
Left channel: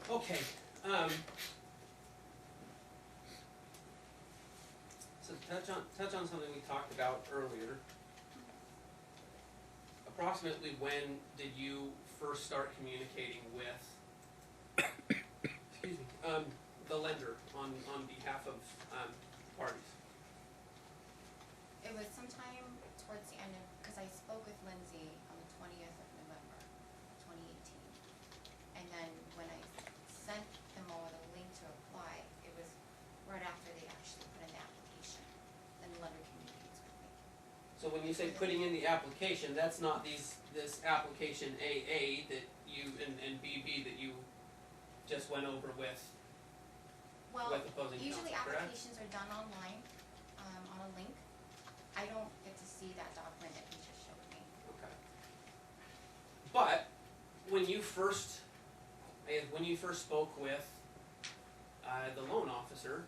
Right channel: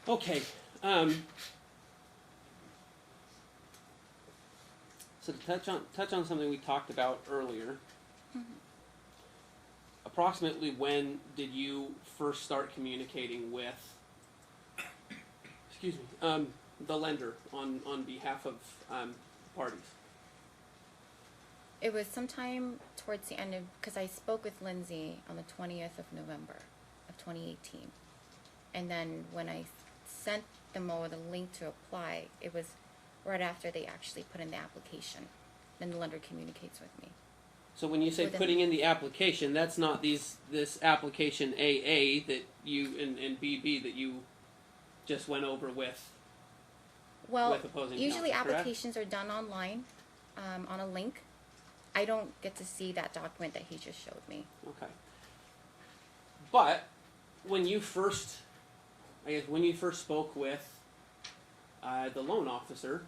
Okay, so to touch on something we talked about earlier, approximately when did you first start communicating with, excuse me, the lender on behalf of parties? It was sometime towards the end of, because I spoke with Lindsay on the 20th of November of 2018. And then when I sent them over the link to apply, it was right after they actually put in the application. Then the lender communicates with me. So when you say Within- putting in the application, that's not this application AA that you and BB that you just went over with Well, with opposing usually counsel, correct? applications are done online, on a link. I don't get to see that document that he just showed me. Okay. But when you first, when you first spoke with the loan officer,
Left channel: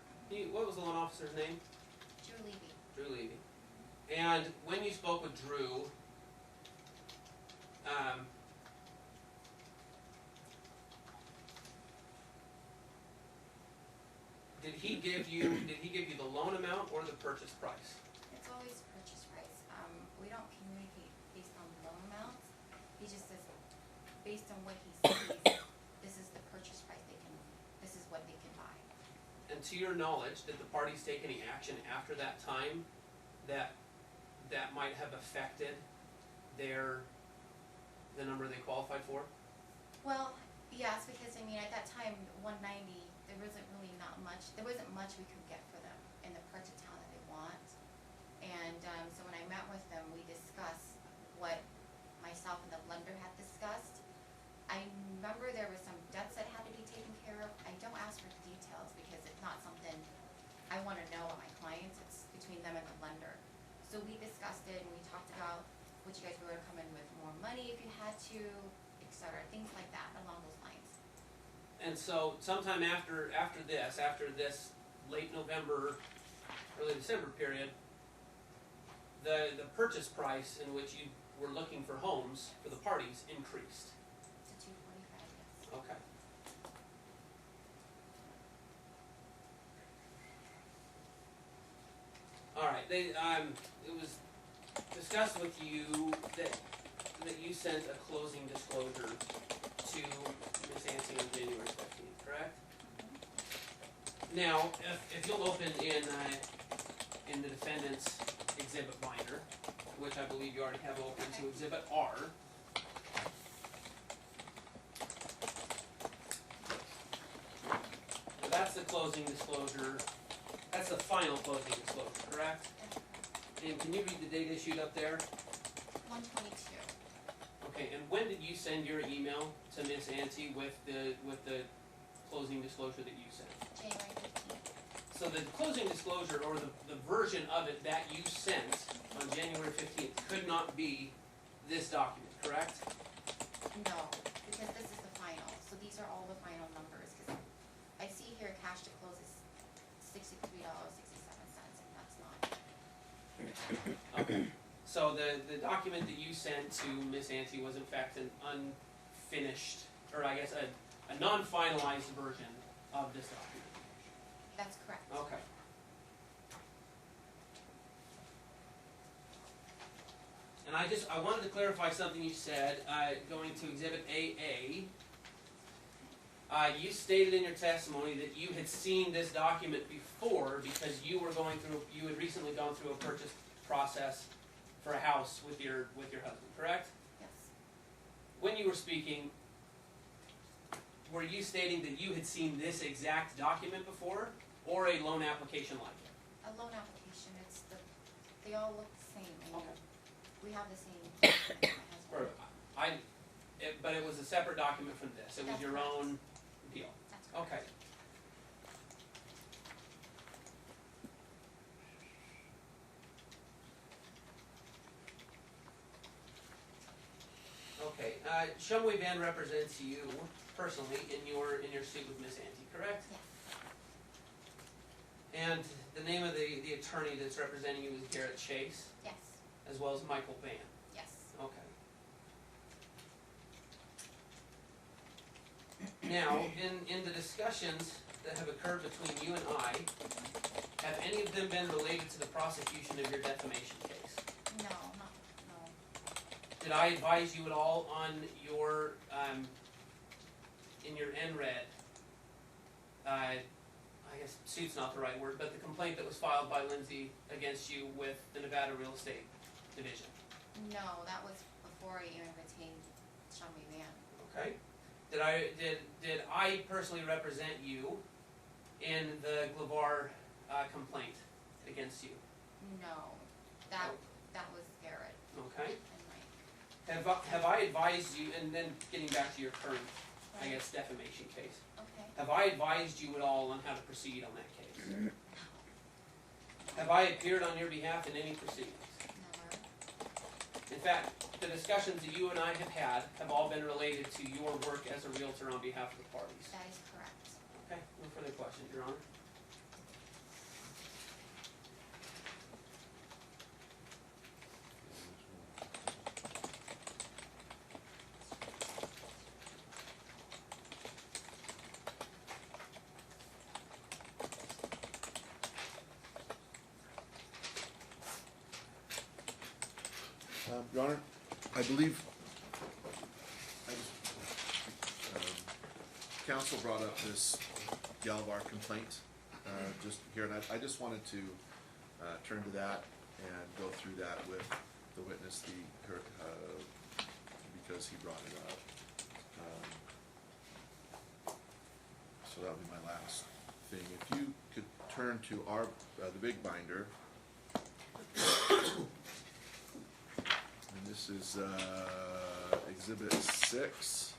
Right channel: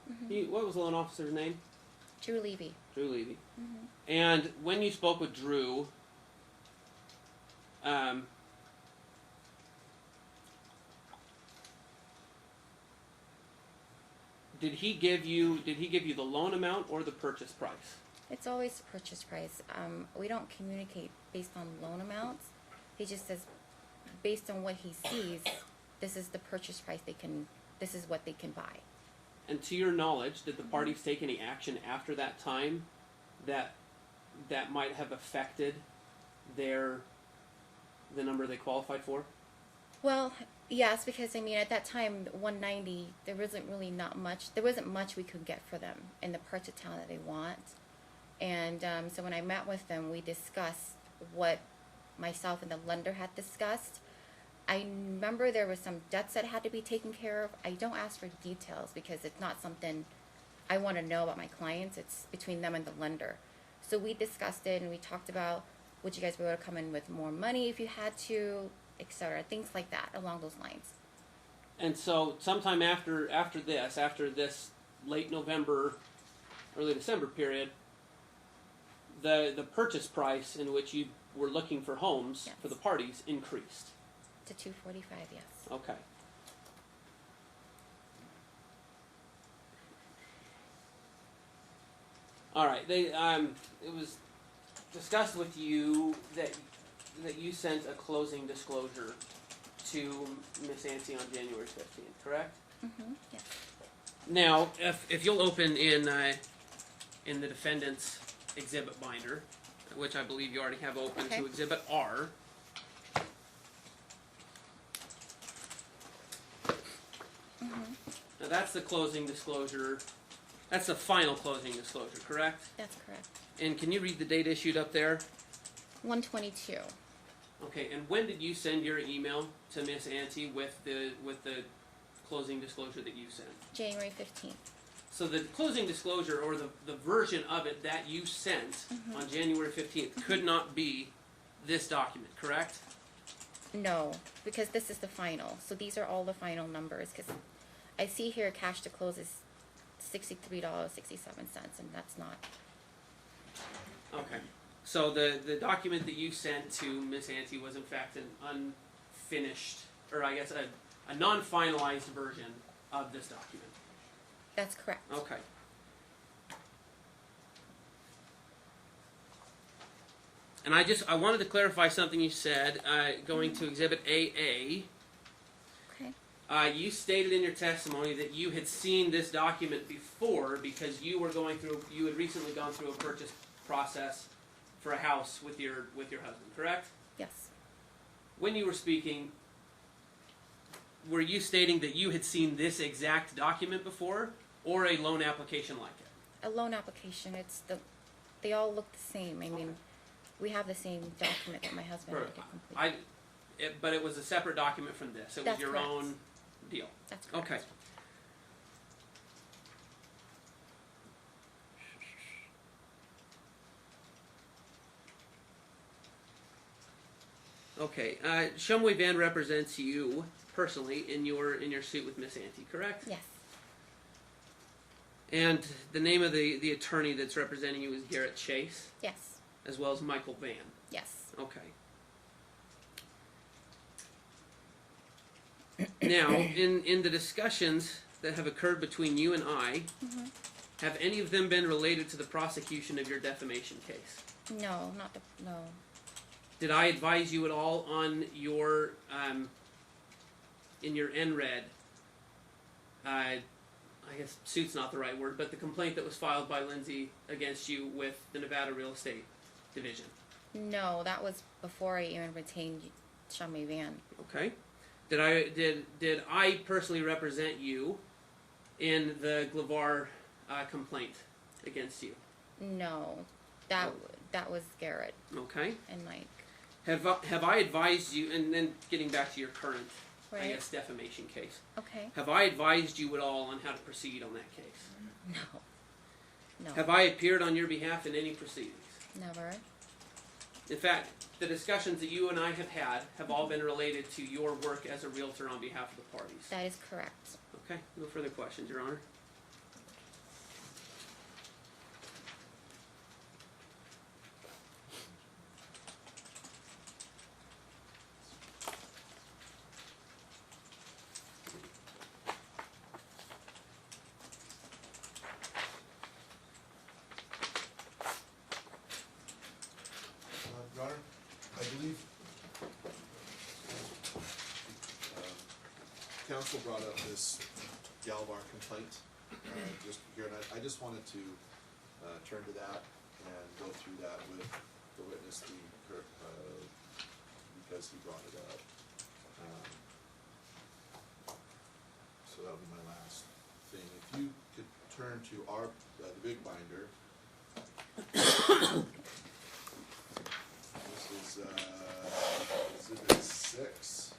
what was the loan officer's name? Drew Levy. Drew Levy. Mhm. And when you spoke with Drew, did he give you the loan amount or the purchase price? It's always the purchase price. We don't communicate based on loan amounts. He just says, based on what he sees, this is the purchase price this is what they can buy. And to your knowledge, did the parties take any action after that time that might have affected the number they qualified for? Well, yes, because I mean, at that time, 190, there wasn't much we could get for them in the parts of town that they want. And so when I met with them, we discussed what myself and the lender had discussed. I remember there were some debts that had to be taken care of. I don't ask for details because it's not something I want to know about my clients. It's between them and the lender. So we discussed it and we talked about, would you guys be able to come in with more money if you had to, etc. Things like that along those lines. And so sometime after this late November, early December period, the purchase price in which you were looking for homes for the parties increased. To 245, yes. Okay. All right. It was discussed with you that you sent a closing disclosure to Miss Antee on January 15th, correct? Mm-hmm. Yes. Now, if you'll open in the defendant's exhibit binder, which I believe you already have open, Okay. to Exhibit R. Now that's the closing disclosure. That's the final closing disclosure, correct? That's correct. And can you read the date issued up there? 122. Okay. And when did you send your email to Miss Antee with the closing disclosure that you sent? January 15th. So the closing disclosure, or the version of it that you sent on January 15th, could not be this document, correct? No, because this is the final. So these are all the final numbers. Because I see here cash to close is $63.67, and that's not. Okay. So the document that you sent to Miss Antee was in fact an unfinished, or I guess a non-finalized version of this document. That's correct. Okay. And I wanted to clarify something you said, going to Exhibit AA. Okay. You stated in your testimony that you had seen this document before because you had recently gone through a purchase process for a house with your husband, correct? Yes. When you were speaking, were you stating that you had seen this exact document before, or a loan application like it? A loan application. They all look the same. I mean, we have the same document that my husband had to complete. But it was a separate document from this. It was That's your correct. own deal. That's correct. Okay. Okay. Shumway Van represents you personally in your suit with Miss Antee, correct? Yes. And the name of the attorney that's representing you is Garrett Chase, Yes. as well as Michael Van. Yes. Okay. Now, in the discussions that have occurred between you and I, have any of them been related to the prosecution of your defamation case? No, no. Did I advise you at all on your, in your NRED, I guess suit's not the right word, but the complaint that was filed by Lindsay against you with the Nevada Real Estate Division? No, that was before I even retained Shumway Van. Okay. Did I personally represent you in the Glavar complaint against you? No, that was Garrett Okay. and Mike. Have I advised you, and then getting back to your current I Right. guess, defamation case. Okay. Have I advised you at all on how to proceed on that case? No. Have I appeared on your behalf in any proceedings? Never. In fact, the discussions that you and I have had have all been related to your work as a realtor on behalf of the parties. That is correct. Okay, no further questions, Your Honor. Your Honor, I believe counsel brought up this Galvar complaint just here, and I just wanted to turn to that and go through that with the witness, because he brought it up. So that'll be my last thing. If you could turn to our the big binder. This is Exhibit 6.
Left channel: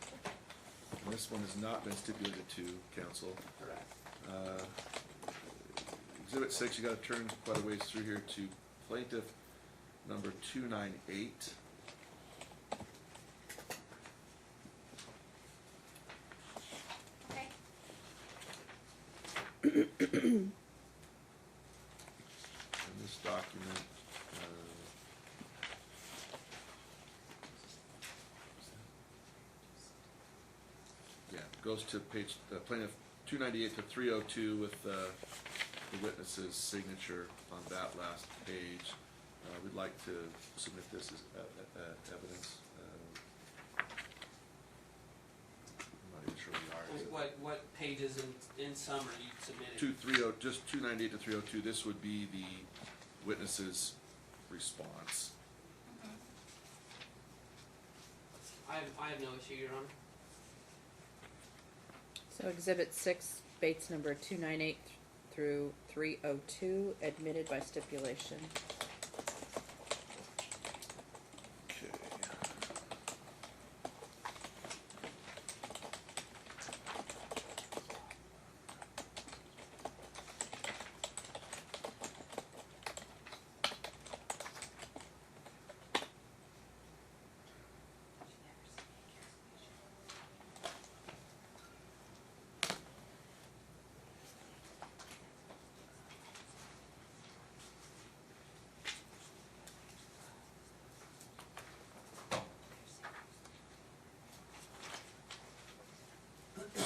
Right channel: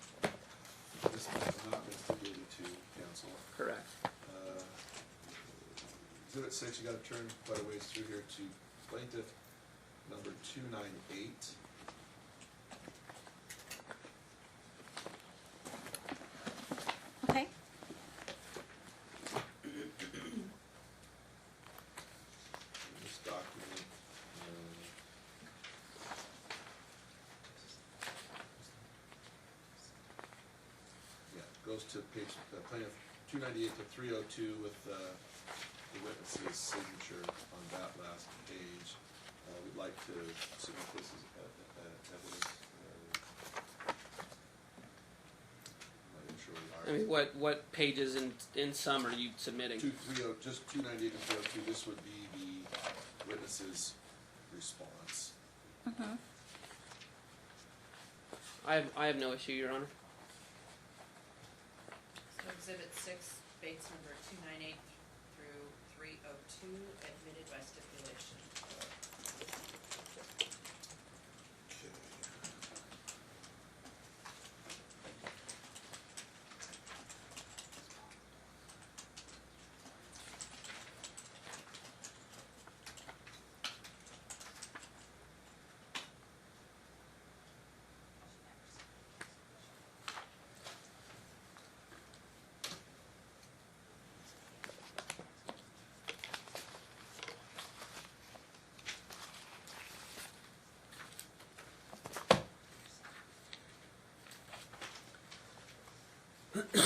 This one has not been stipulated to counsel. Correct. Exhibit 6, you gotta turn quite a ways through here to plaintiff number 298. Okay. In this document, yeah, it goes to page, plaintiff 298 to 302 with the witness's signature on that last page. We'd like to submit this as evidence. I'm not even sure we are. I mean, what pages in sum are you submitting? 230, just 298 to 302. This would be the witness's response. Mm-hmm. I have no issue, Your Honor. So Exhibit 6, Bates number 298 through 302, admitted by stipulation. Okay.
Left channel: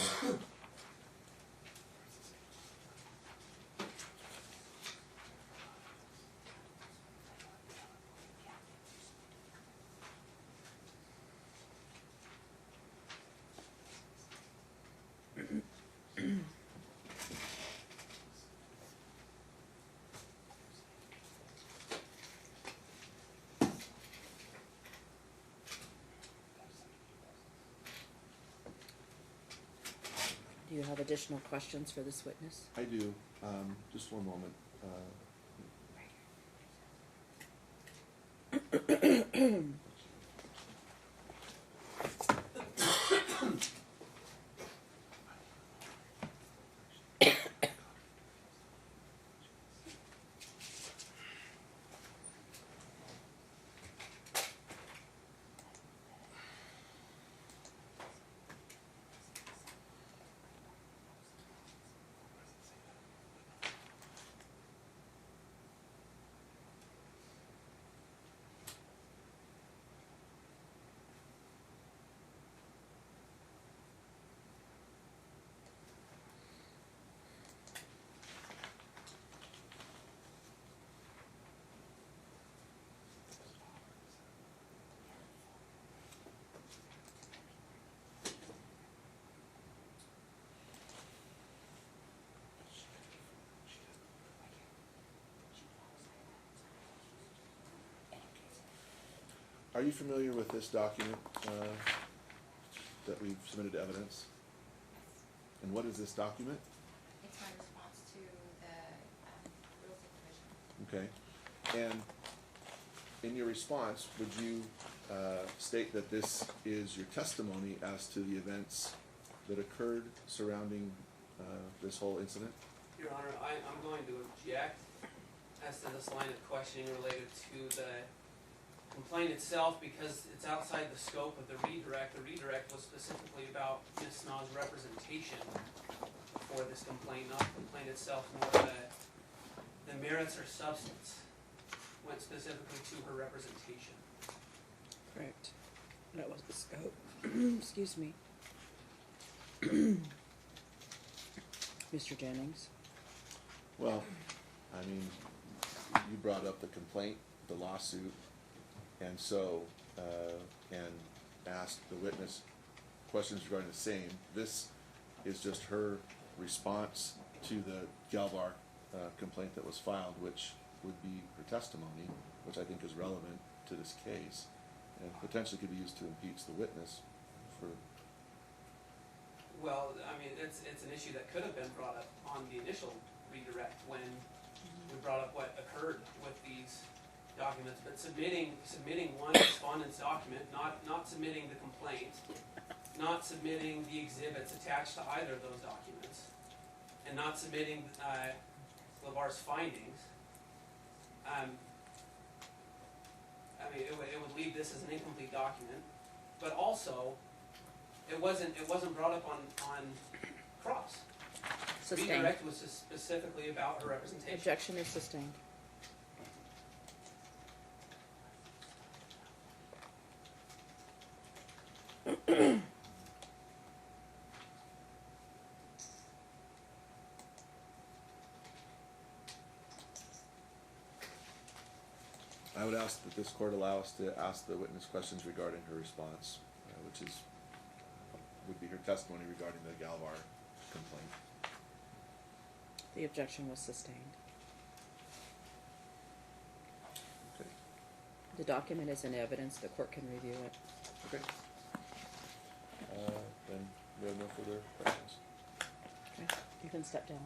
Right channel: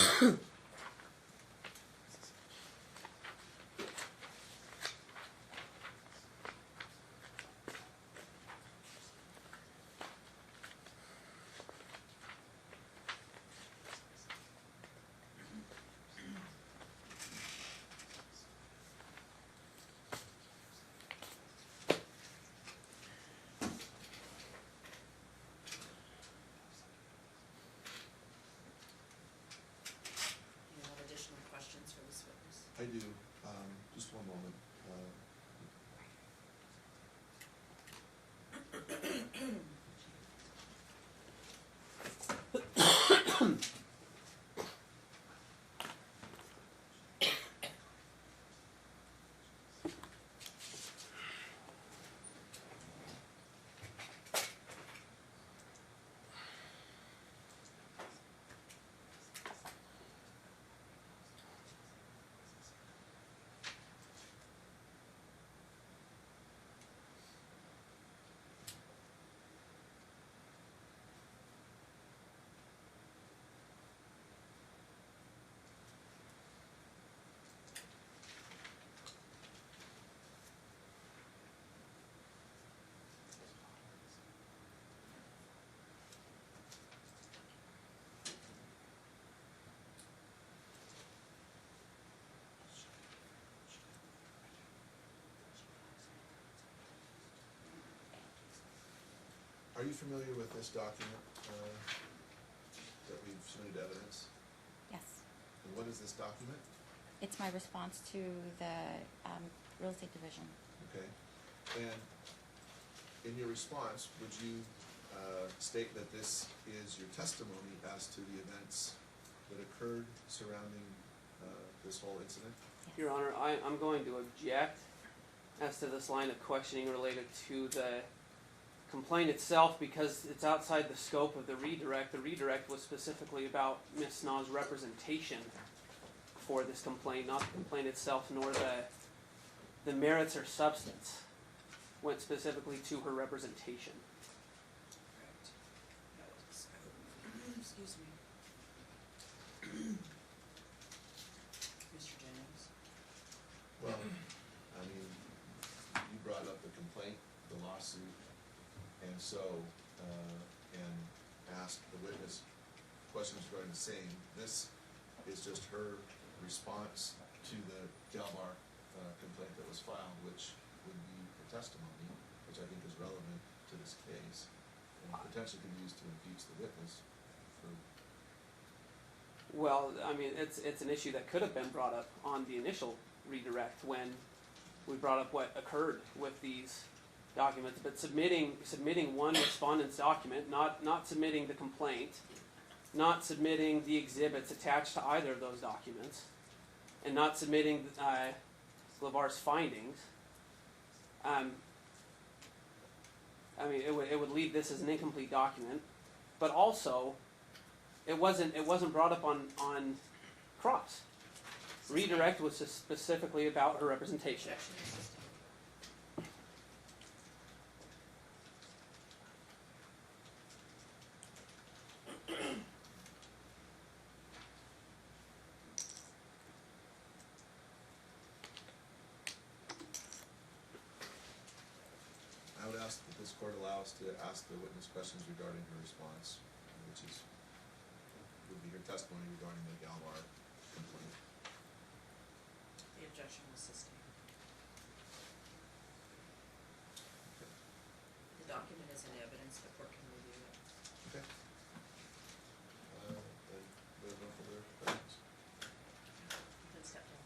Do you have additional questions for this witness? I do. Just one moment. Are you familiar with this document that we've submitted to evidence? Yes. And what is this document? It's my response to the real estate division. Okay. And in your response, would you state that this is your testimony as to the events that occurred surrounding, this whole incident? Your Honor, I'm going to object as to this line of questioning related to the complaint itself because it's outside the scope of the redirect. The redirect was specifically about Ms. Snaw's representation for this complaint, not the complaint itself, nor the merits or substance. Went specifically to her representation. Correct. That was the scope. Excuse me. Mr. Jennings? Well, I mean, you brought up the complaint, the lawsuit, and so, and asked the witness questions regarding the same. This is just her response to the Galvar, complaint that was filed, which would be her testimony, which I think is relevant to this case, and potentially could be used to impeach the witness for. Well, I mean, it's an issue that could have been brought up on the initial redirect when we brought up what occurred with these documents, but submitting one respondent's document, not submitting the complaint, not submitting the exhibits attached to either of those documents, and not submitting LeVar's findings. I mean, it would leave this as an incomplete document, but also it wasn't brought up on cross. Sustained. Redirect was just specifically about her representation. Objection is sustained. I would ask that this court allow us to ask the witness questions regarding her response, which would be her testimony regarding the Galvar complaint. The objection was sustained. Okay. The document is in evidence, the court can review it. Okay. Then we have no further questions. Okay, you can step down.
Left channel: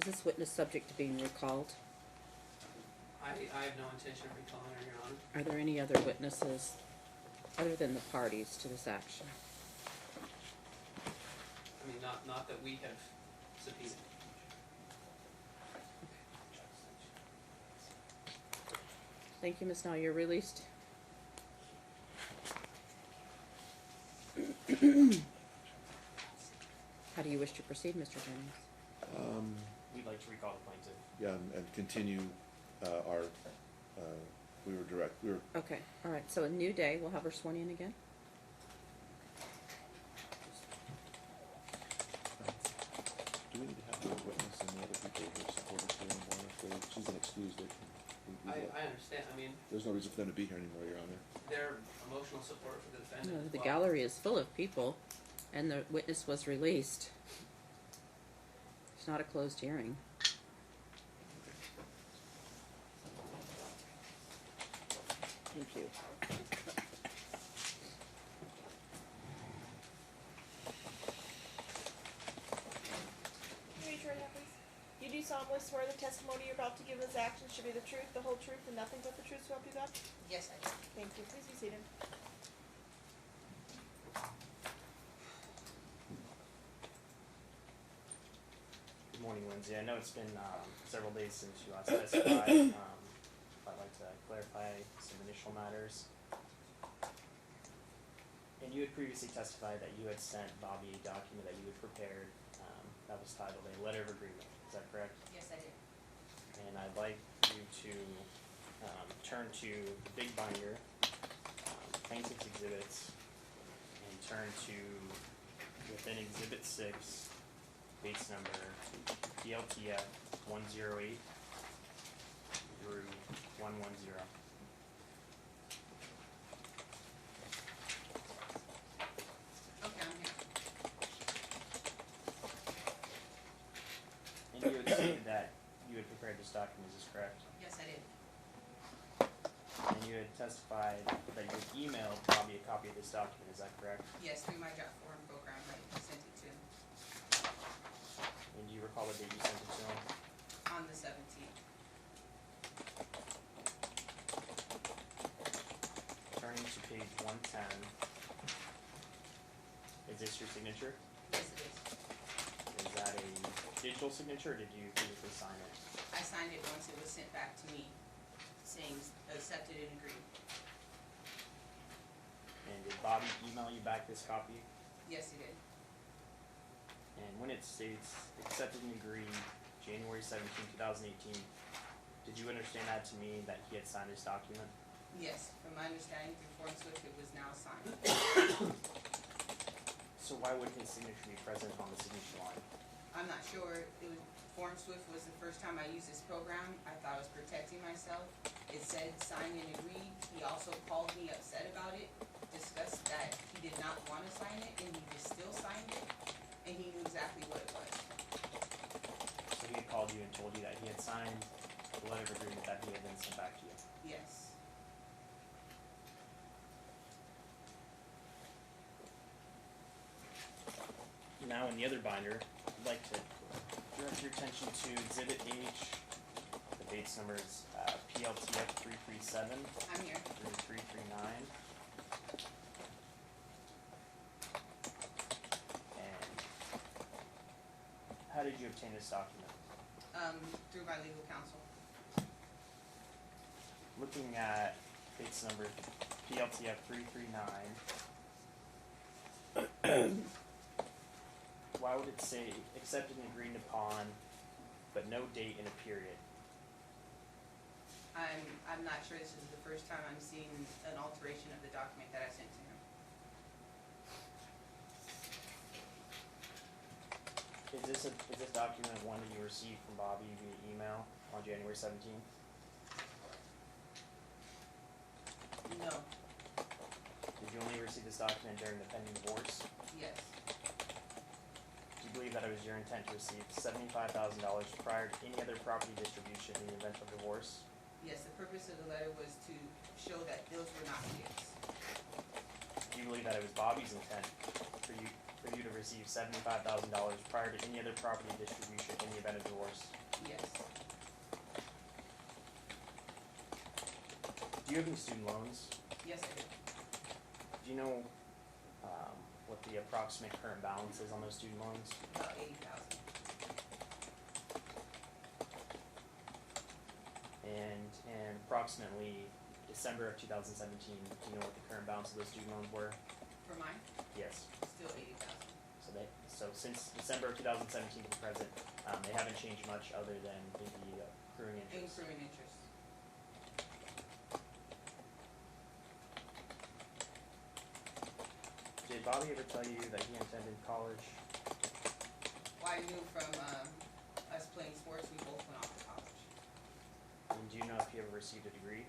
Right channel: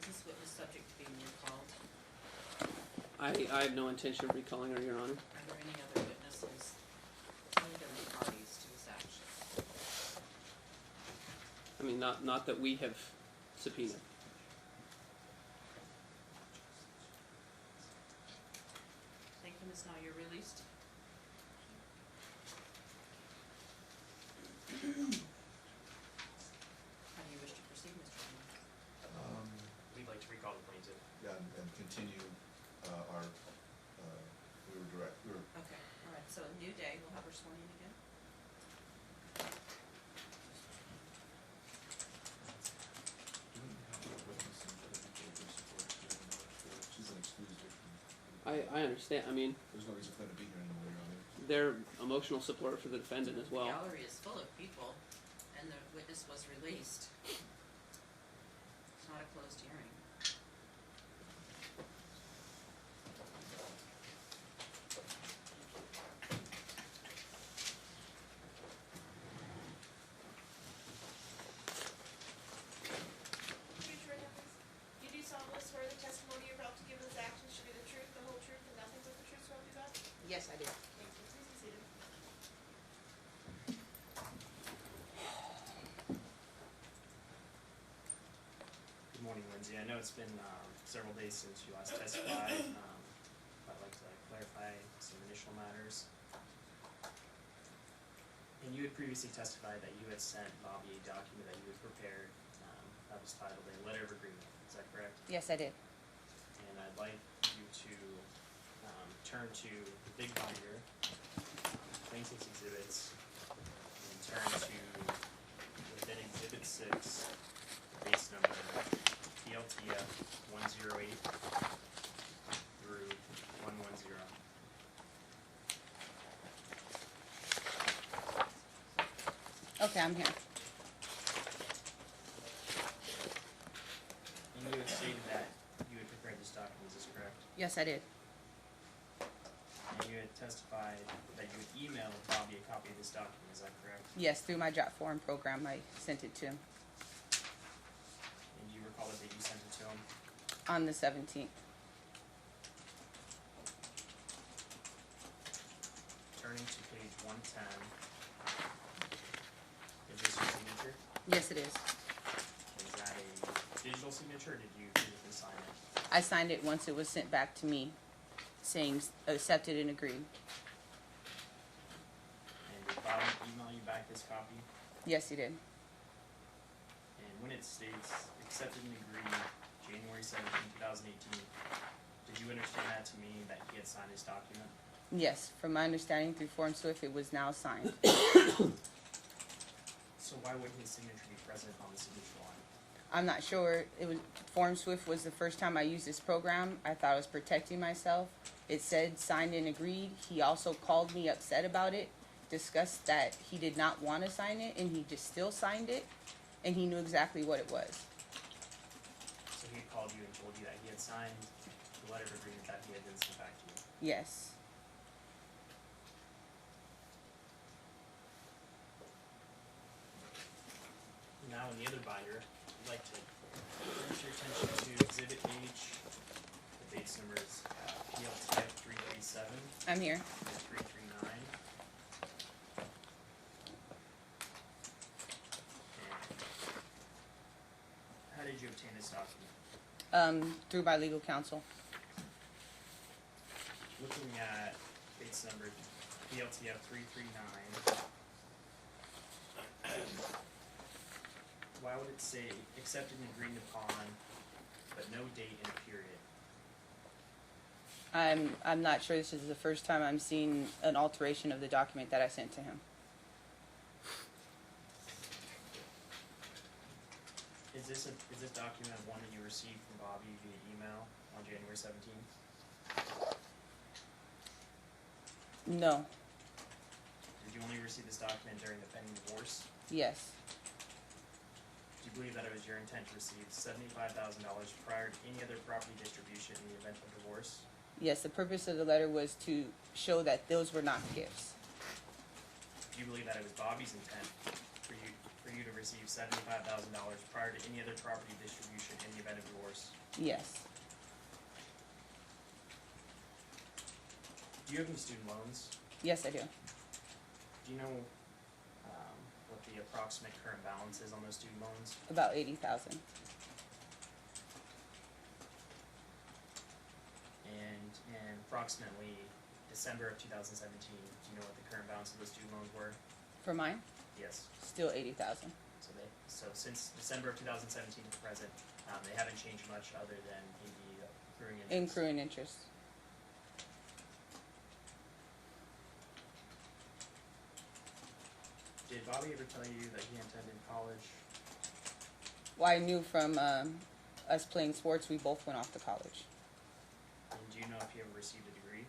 Is this witness subject to being recalled? I have no intention of recalling her, Your Honor. Are there any other witnesses other than the parties to this action? I mean, not that we have subpoenaed. Thank you, Ms. Now, you're released. How do you wish to proceed, Mr. Jennings? We'd like to recall the plaintiff. Yeah, and continue, our, we were Okay, all right, so a new day, we'll have her sworn in again? do we need to have a witness and the other people who are supported here anymore? She's an excused victim. I understand. I mean, There's no reason for them to be here anymore, Your Honor. their emotional support for the defendant as The well. gallery is full of people, and the witness was released. It's not a closed hearing. Thank you. Read your hand, please. You do solemnly swear the testimony you're about to give this action should be the truth, the whole truth, and nothing but the truth, so help you God? Yes, I do. Thank you. Please be seated. Good morning, Lindsay. I know it's been several days since you last testified. I'd like to clarify some initial matters. And you had previously testified that you had sent Bobby a document that you had prepared that was titled a letter of agreement. Is that correct? Yes, I did. And I'd like you to turn to the big binder, plaintiff's exhibits, and turn to within exhibit 6, base number DLTF 108 through 110. Okay, I'm here. And you had stated that you had prepared this document, is this correct? Yes, I did. And you had testified that you emailed Bobby a copy of this document, is that correct? Yes, through my job forum program, I sent it to him And do you recall the date you sent it to him? on the 17th. Turning to page 110. Is this your signature? signature, or did you physically sign it? I signed it once it was sent back to me, saying accepted and agreed. And did Bob email you back this copy? Yes, he did. And when it states accepted and agreed January 17, 2018, did you understand that to mean that he had signed this document? Yes, from my understanding through Form Swift, it was now signed. So why wouldn't his signature be present on the signature line? I'm not sure. It was Form Swift was the first time I used this program. I thought I was protecting myself. It said signed and agreed. He also called me upset about it, discussed that he did not want to sign it, and he just still signed it, and he knew exactly what it was. So he had called you and told you that he had signed the letter of agreement that he had then sent back to you. Yes. Now in the other binder, I'd like to direct your attention to Exhibit H. The base number is PL type 337 I'm here. and 339. And how did you obtain this document? Through my legal counsel. Looking at case number PLTF 339, why would it say accepted and agreed upon, but no date in a period? I'm not sure. This is the first time I'm seeing an alteration of the document that I sent to him. Is this document one that you received from Bobby via email on January 17th? No. Did you only receive this document during the pending divorce? Yes. Do you believe that it was your intent to receive $75,000 prior to any other property distribution in the event of divorce? Yes, the purpose of the letter was to show that those were not gifts. Do you believe that it was Bobby's intent for you to receive $75,000 prior to any other property distribution in the event of divorce? Yes. Do you have any student loans? Yes, I do. Do you know what the approximate current balance is on those student loans? About 80,000. And in approximately December of 2017, do you know what the current balance of those student loans were? For mine, Yes. still 80,000. So since December of 2017 to present, they haven't changed much other than the accruing interest. Accruing interest. Did Bobby ever tell you that he attended college? Well, I knew from us playing sports, we both went off to college. And do you know if he ever received a degree?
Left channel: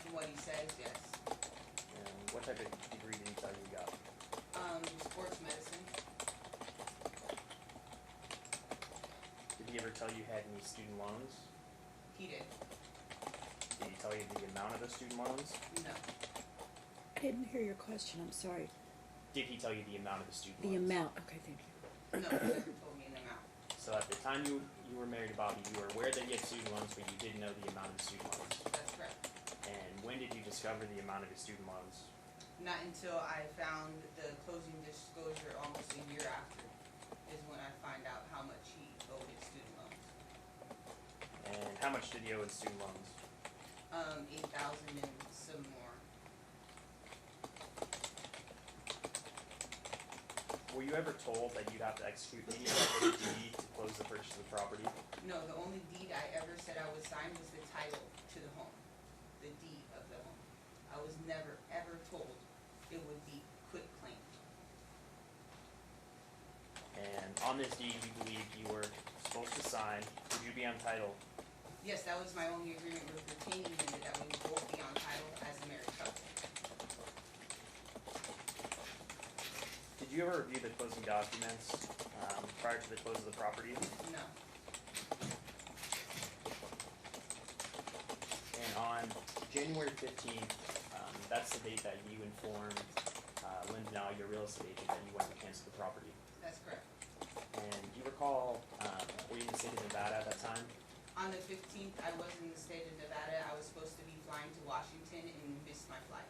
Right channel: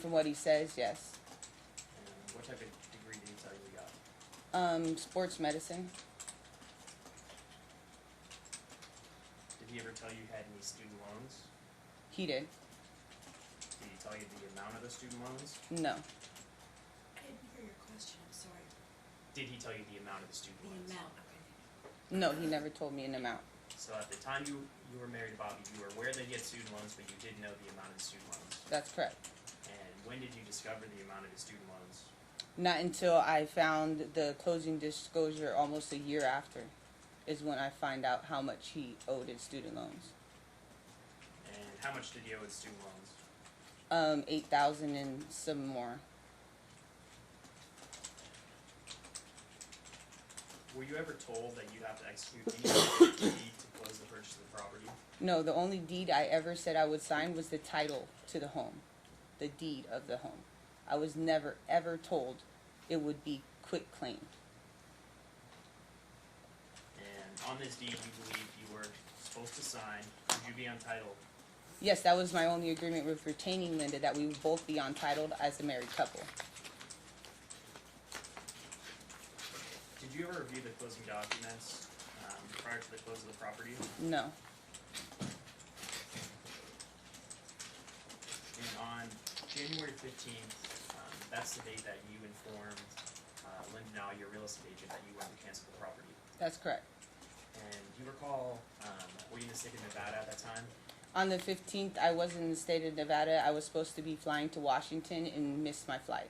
From what he says, yes. And what type of degree did he tell you he got? Sports medicine. Did he ever tell you he had any student loans? He did. Did he tell you the amount of those student loans? No. I didn't hear your question, I'm sorry. Did he tell you the amount of the student The loans? amount, okay, thank you. No, he never told me an amount. So at the time you were married to Bobby, you were aware they get student loans, but you didn't know the amount of the student loans. That's correct. And when did you discover the amount of his student loans? Not until I found the closing disclosure almost a year after is when I find out how much he owed in student loans. And how much did he owe in student loans? 8,000 and some more. Were you ever told that you have to execute any deed to close the purchase of the property? No, the only deed I ever said I would sign was the title to the home. The deed of the home. I was never ever told it would be quit claim. And on this deed, you believe you were supposed to sign, would you be entitled? Yes, that was my only agreement with retaining Linda, that we would both be untitled as a married couple. Did you ever review the closing documents prior to the close of the property? No. And on January 15th, that's the date that you informed Linda, now your real estate agent, that you wanted to cancel the property. That's correct. And do you recall, were you in the state of Nevada at that time? On the 15th, I was in the state of Nevada. I was supposed to be flying to Washington and missed my flight.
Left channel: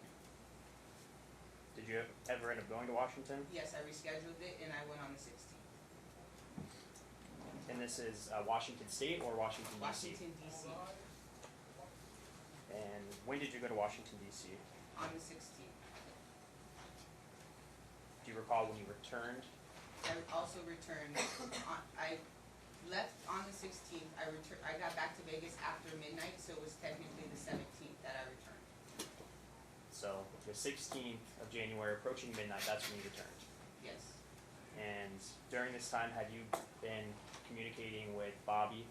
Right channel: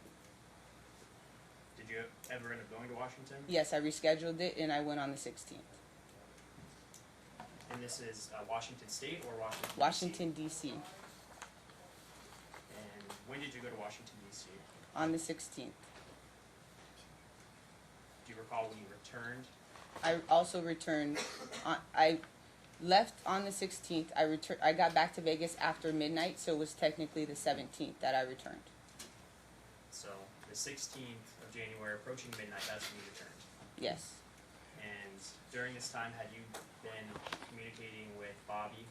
Did you ever end up going to Washington? Yes, I rescheduled it and I went on the 16th. And this is Washington State or Washington DC? Washington DC, And when did you go to Washington DC? on the 16th. Do you recall when you returned? I also returned, I left on the 16th, I got back to Vegas after midnight, so it was technically the 17th that I returned. So the 16th of January, approaching midnight, that's when you returned. Yes. And during this time, had you been communicating with Bobby?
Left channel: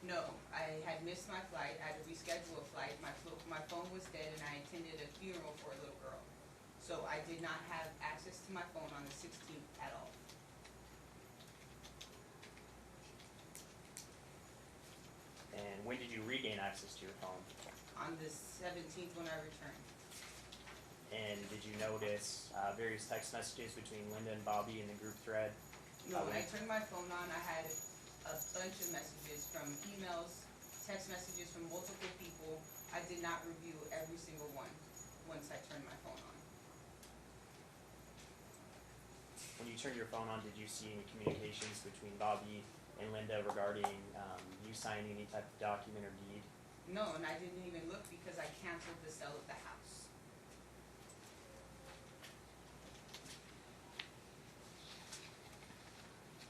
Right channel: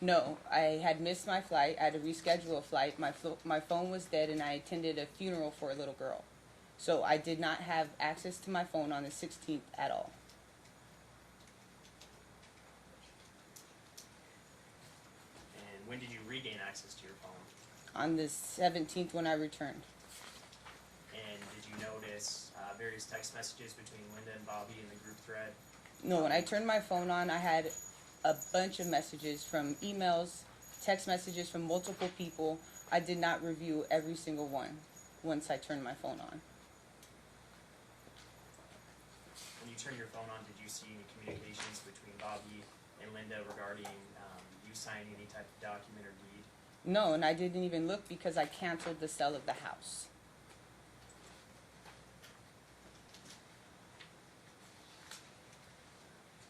No, I had missed my flight. I had to reschedule a flight. My phone was dead, and I attended a funeral for a little girl. So I did not have access to my phone on the 16th at all. And when did you regain access to your phone? On the 17th when I returned. And did you notice various text messages between Linda and Bobby in the group thread? No, when I turned my phone on, I had a bunch of messages from emails, text messages from multiple people. I did not review every single one once I turned my phone on. When you turned your phone on, did you see any communications between Bobby and Linda regarding you signing any type of document or deed? No, and I didn't even look because I canceled the sale of the house.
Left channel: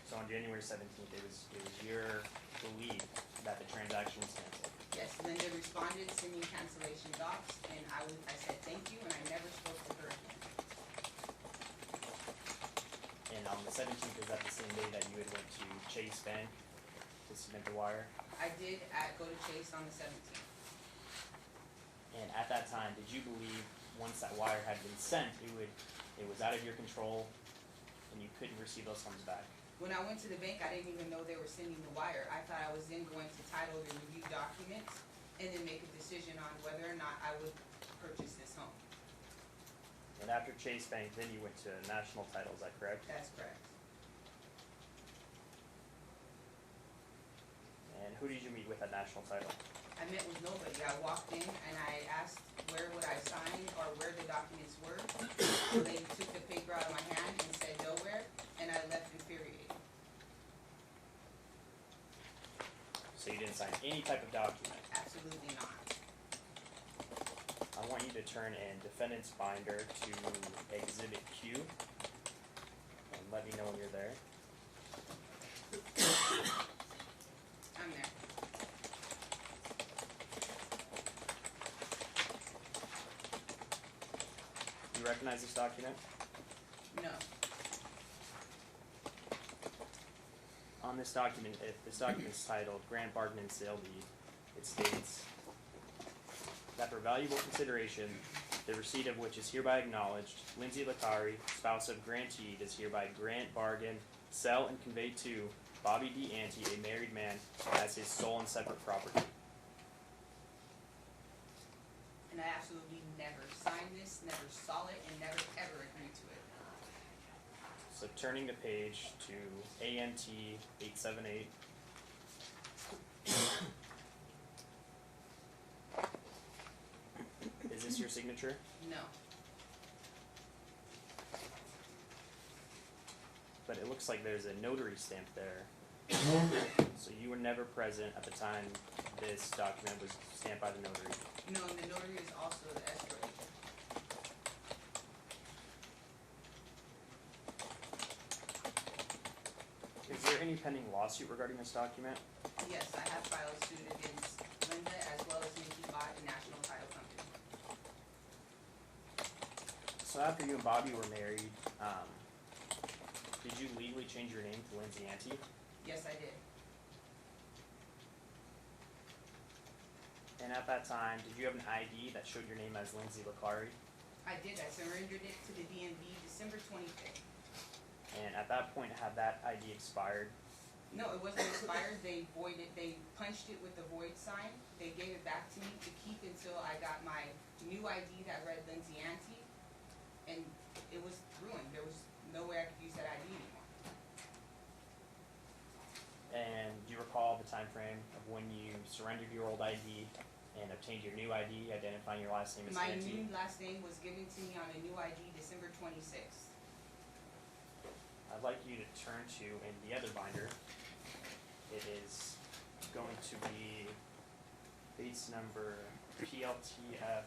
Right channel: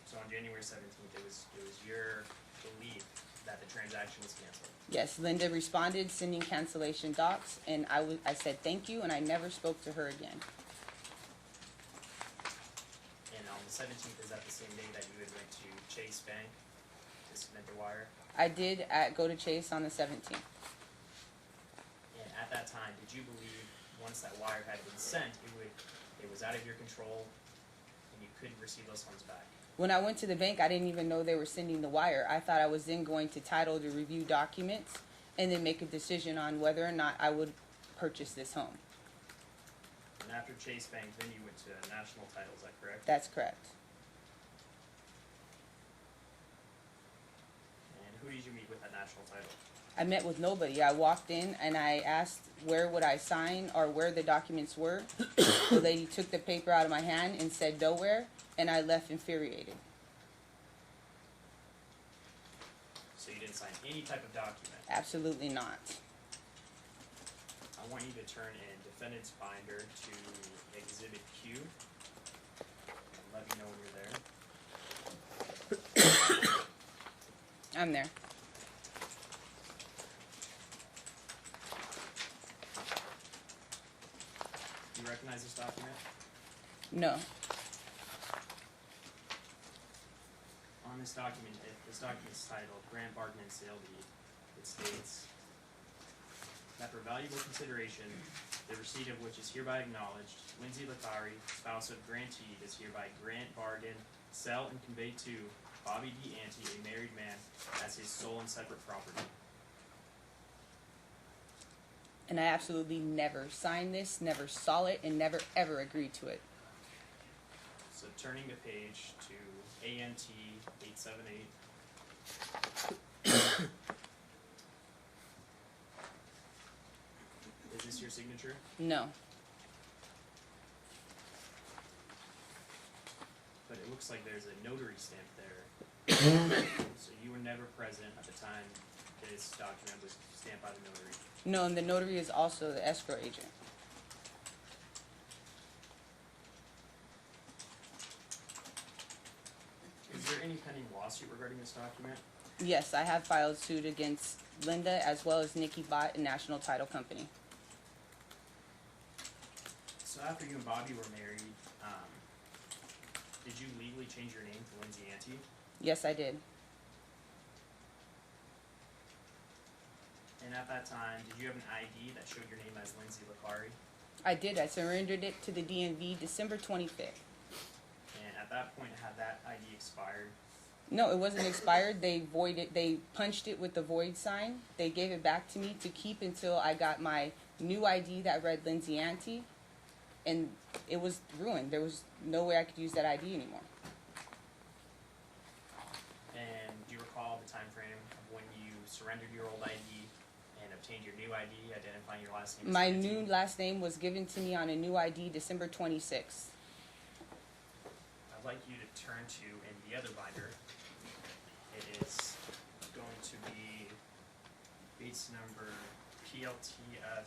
So on January 17th, it was your belief that the transaction was canceled. Yes, Linda responded sending cancellation docs, and I said thank you, and I never spoke to her again. And on the 17th, is that the same day that you had went to Chase Bank to submit the wire? I did go to Chase on the 17th. And at that time, did you believe once that wire had been sent, it was out of your control and you couldn't receive those funds back? When I went to the bank, I didn't even know they were sending the wire. I thought I was then going to title to review documents and then make a decision on whether or not I would purchase this home. And after Chase Bank, then you went to National Title, is that correct? That's correct. And who did you meet with at National Title? I met with nobody. I walked in and I asked where would I sign or where the documents were. The lady took the paper out of my hand and said nowhere, and I left infuriated. So you didn't sign any type of document. Absolutely not. I want you to turn in defendant's binder to Exhibit Q. And let me know when you're there. I'm there. Do you recognize this document? No. On this document, this document is titled Grant Bargain and Sale Deed. It states that for valuable consideration, the receipt of which is hereby acknowledged, Lindsay Latari, spouse of grantee, does hereby grant, bargain, sell, and convey to Bobby D. Antee, a married man, as his sole and separate property. And I absolutely never signed this, never saw it, and never ever agreed to it. So turning the page to ANT 878. Is this your signature? No. But it looks like there's a notary stamp there. So you were never present at the time this document was stamped by the notary. No, and the notary is also the escrow agent. Is there any pending lawsuit regarding this document? Yes, I have filed suit against Linda as well as Nikki Bott and National Title Company. So after you and Bobby were married, did you legally change your name to Lindsay Antee? Yes, I did. And at that time, did you have an ID that showed your name as Lindsay Latari? I did. I surrendered it to the DMV December 25th. And at that point, had that ID expired? No, it wasn't expired. They punched it with the void sign. They gave it back to me to keep until I got my new ID that read Lindsay Antee. And it was ruined. There was no way I could use that ID anymore. And do you recall the time frame of when you surrendered your old ID and obtained your new ID, identifying your last name as My Antee? new last name was given to me on a new ID December 26th. I'd like you to turn to, in the other binder, It is going to be case number PLTF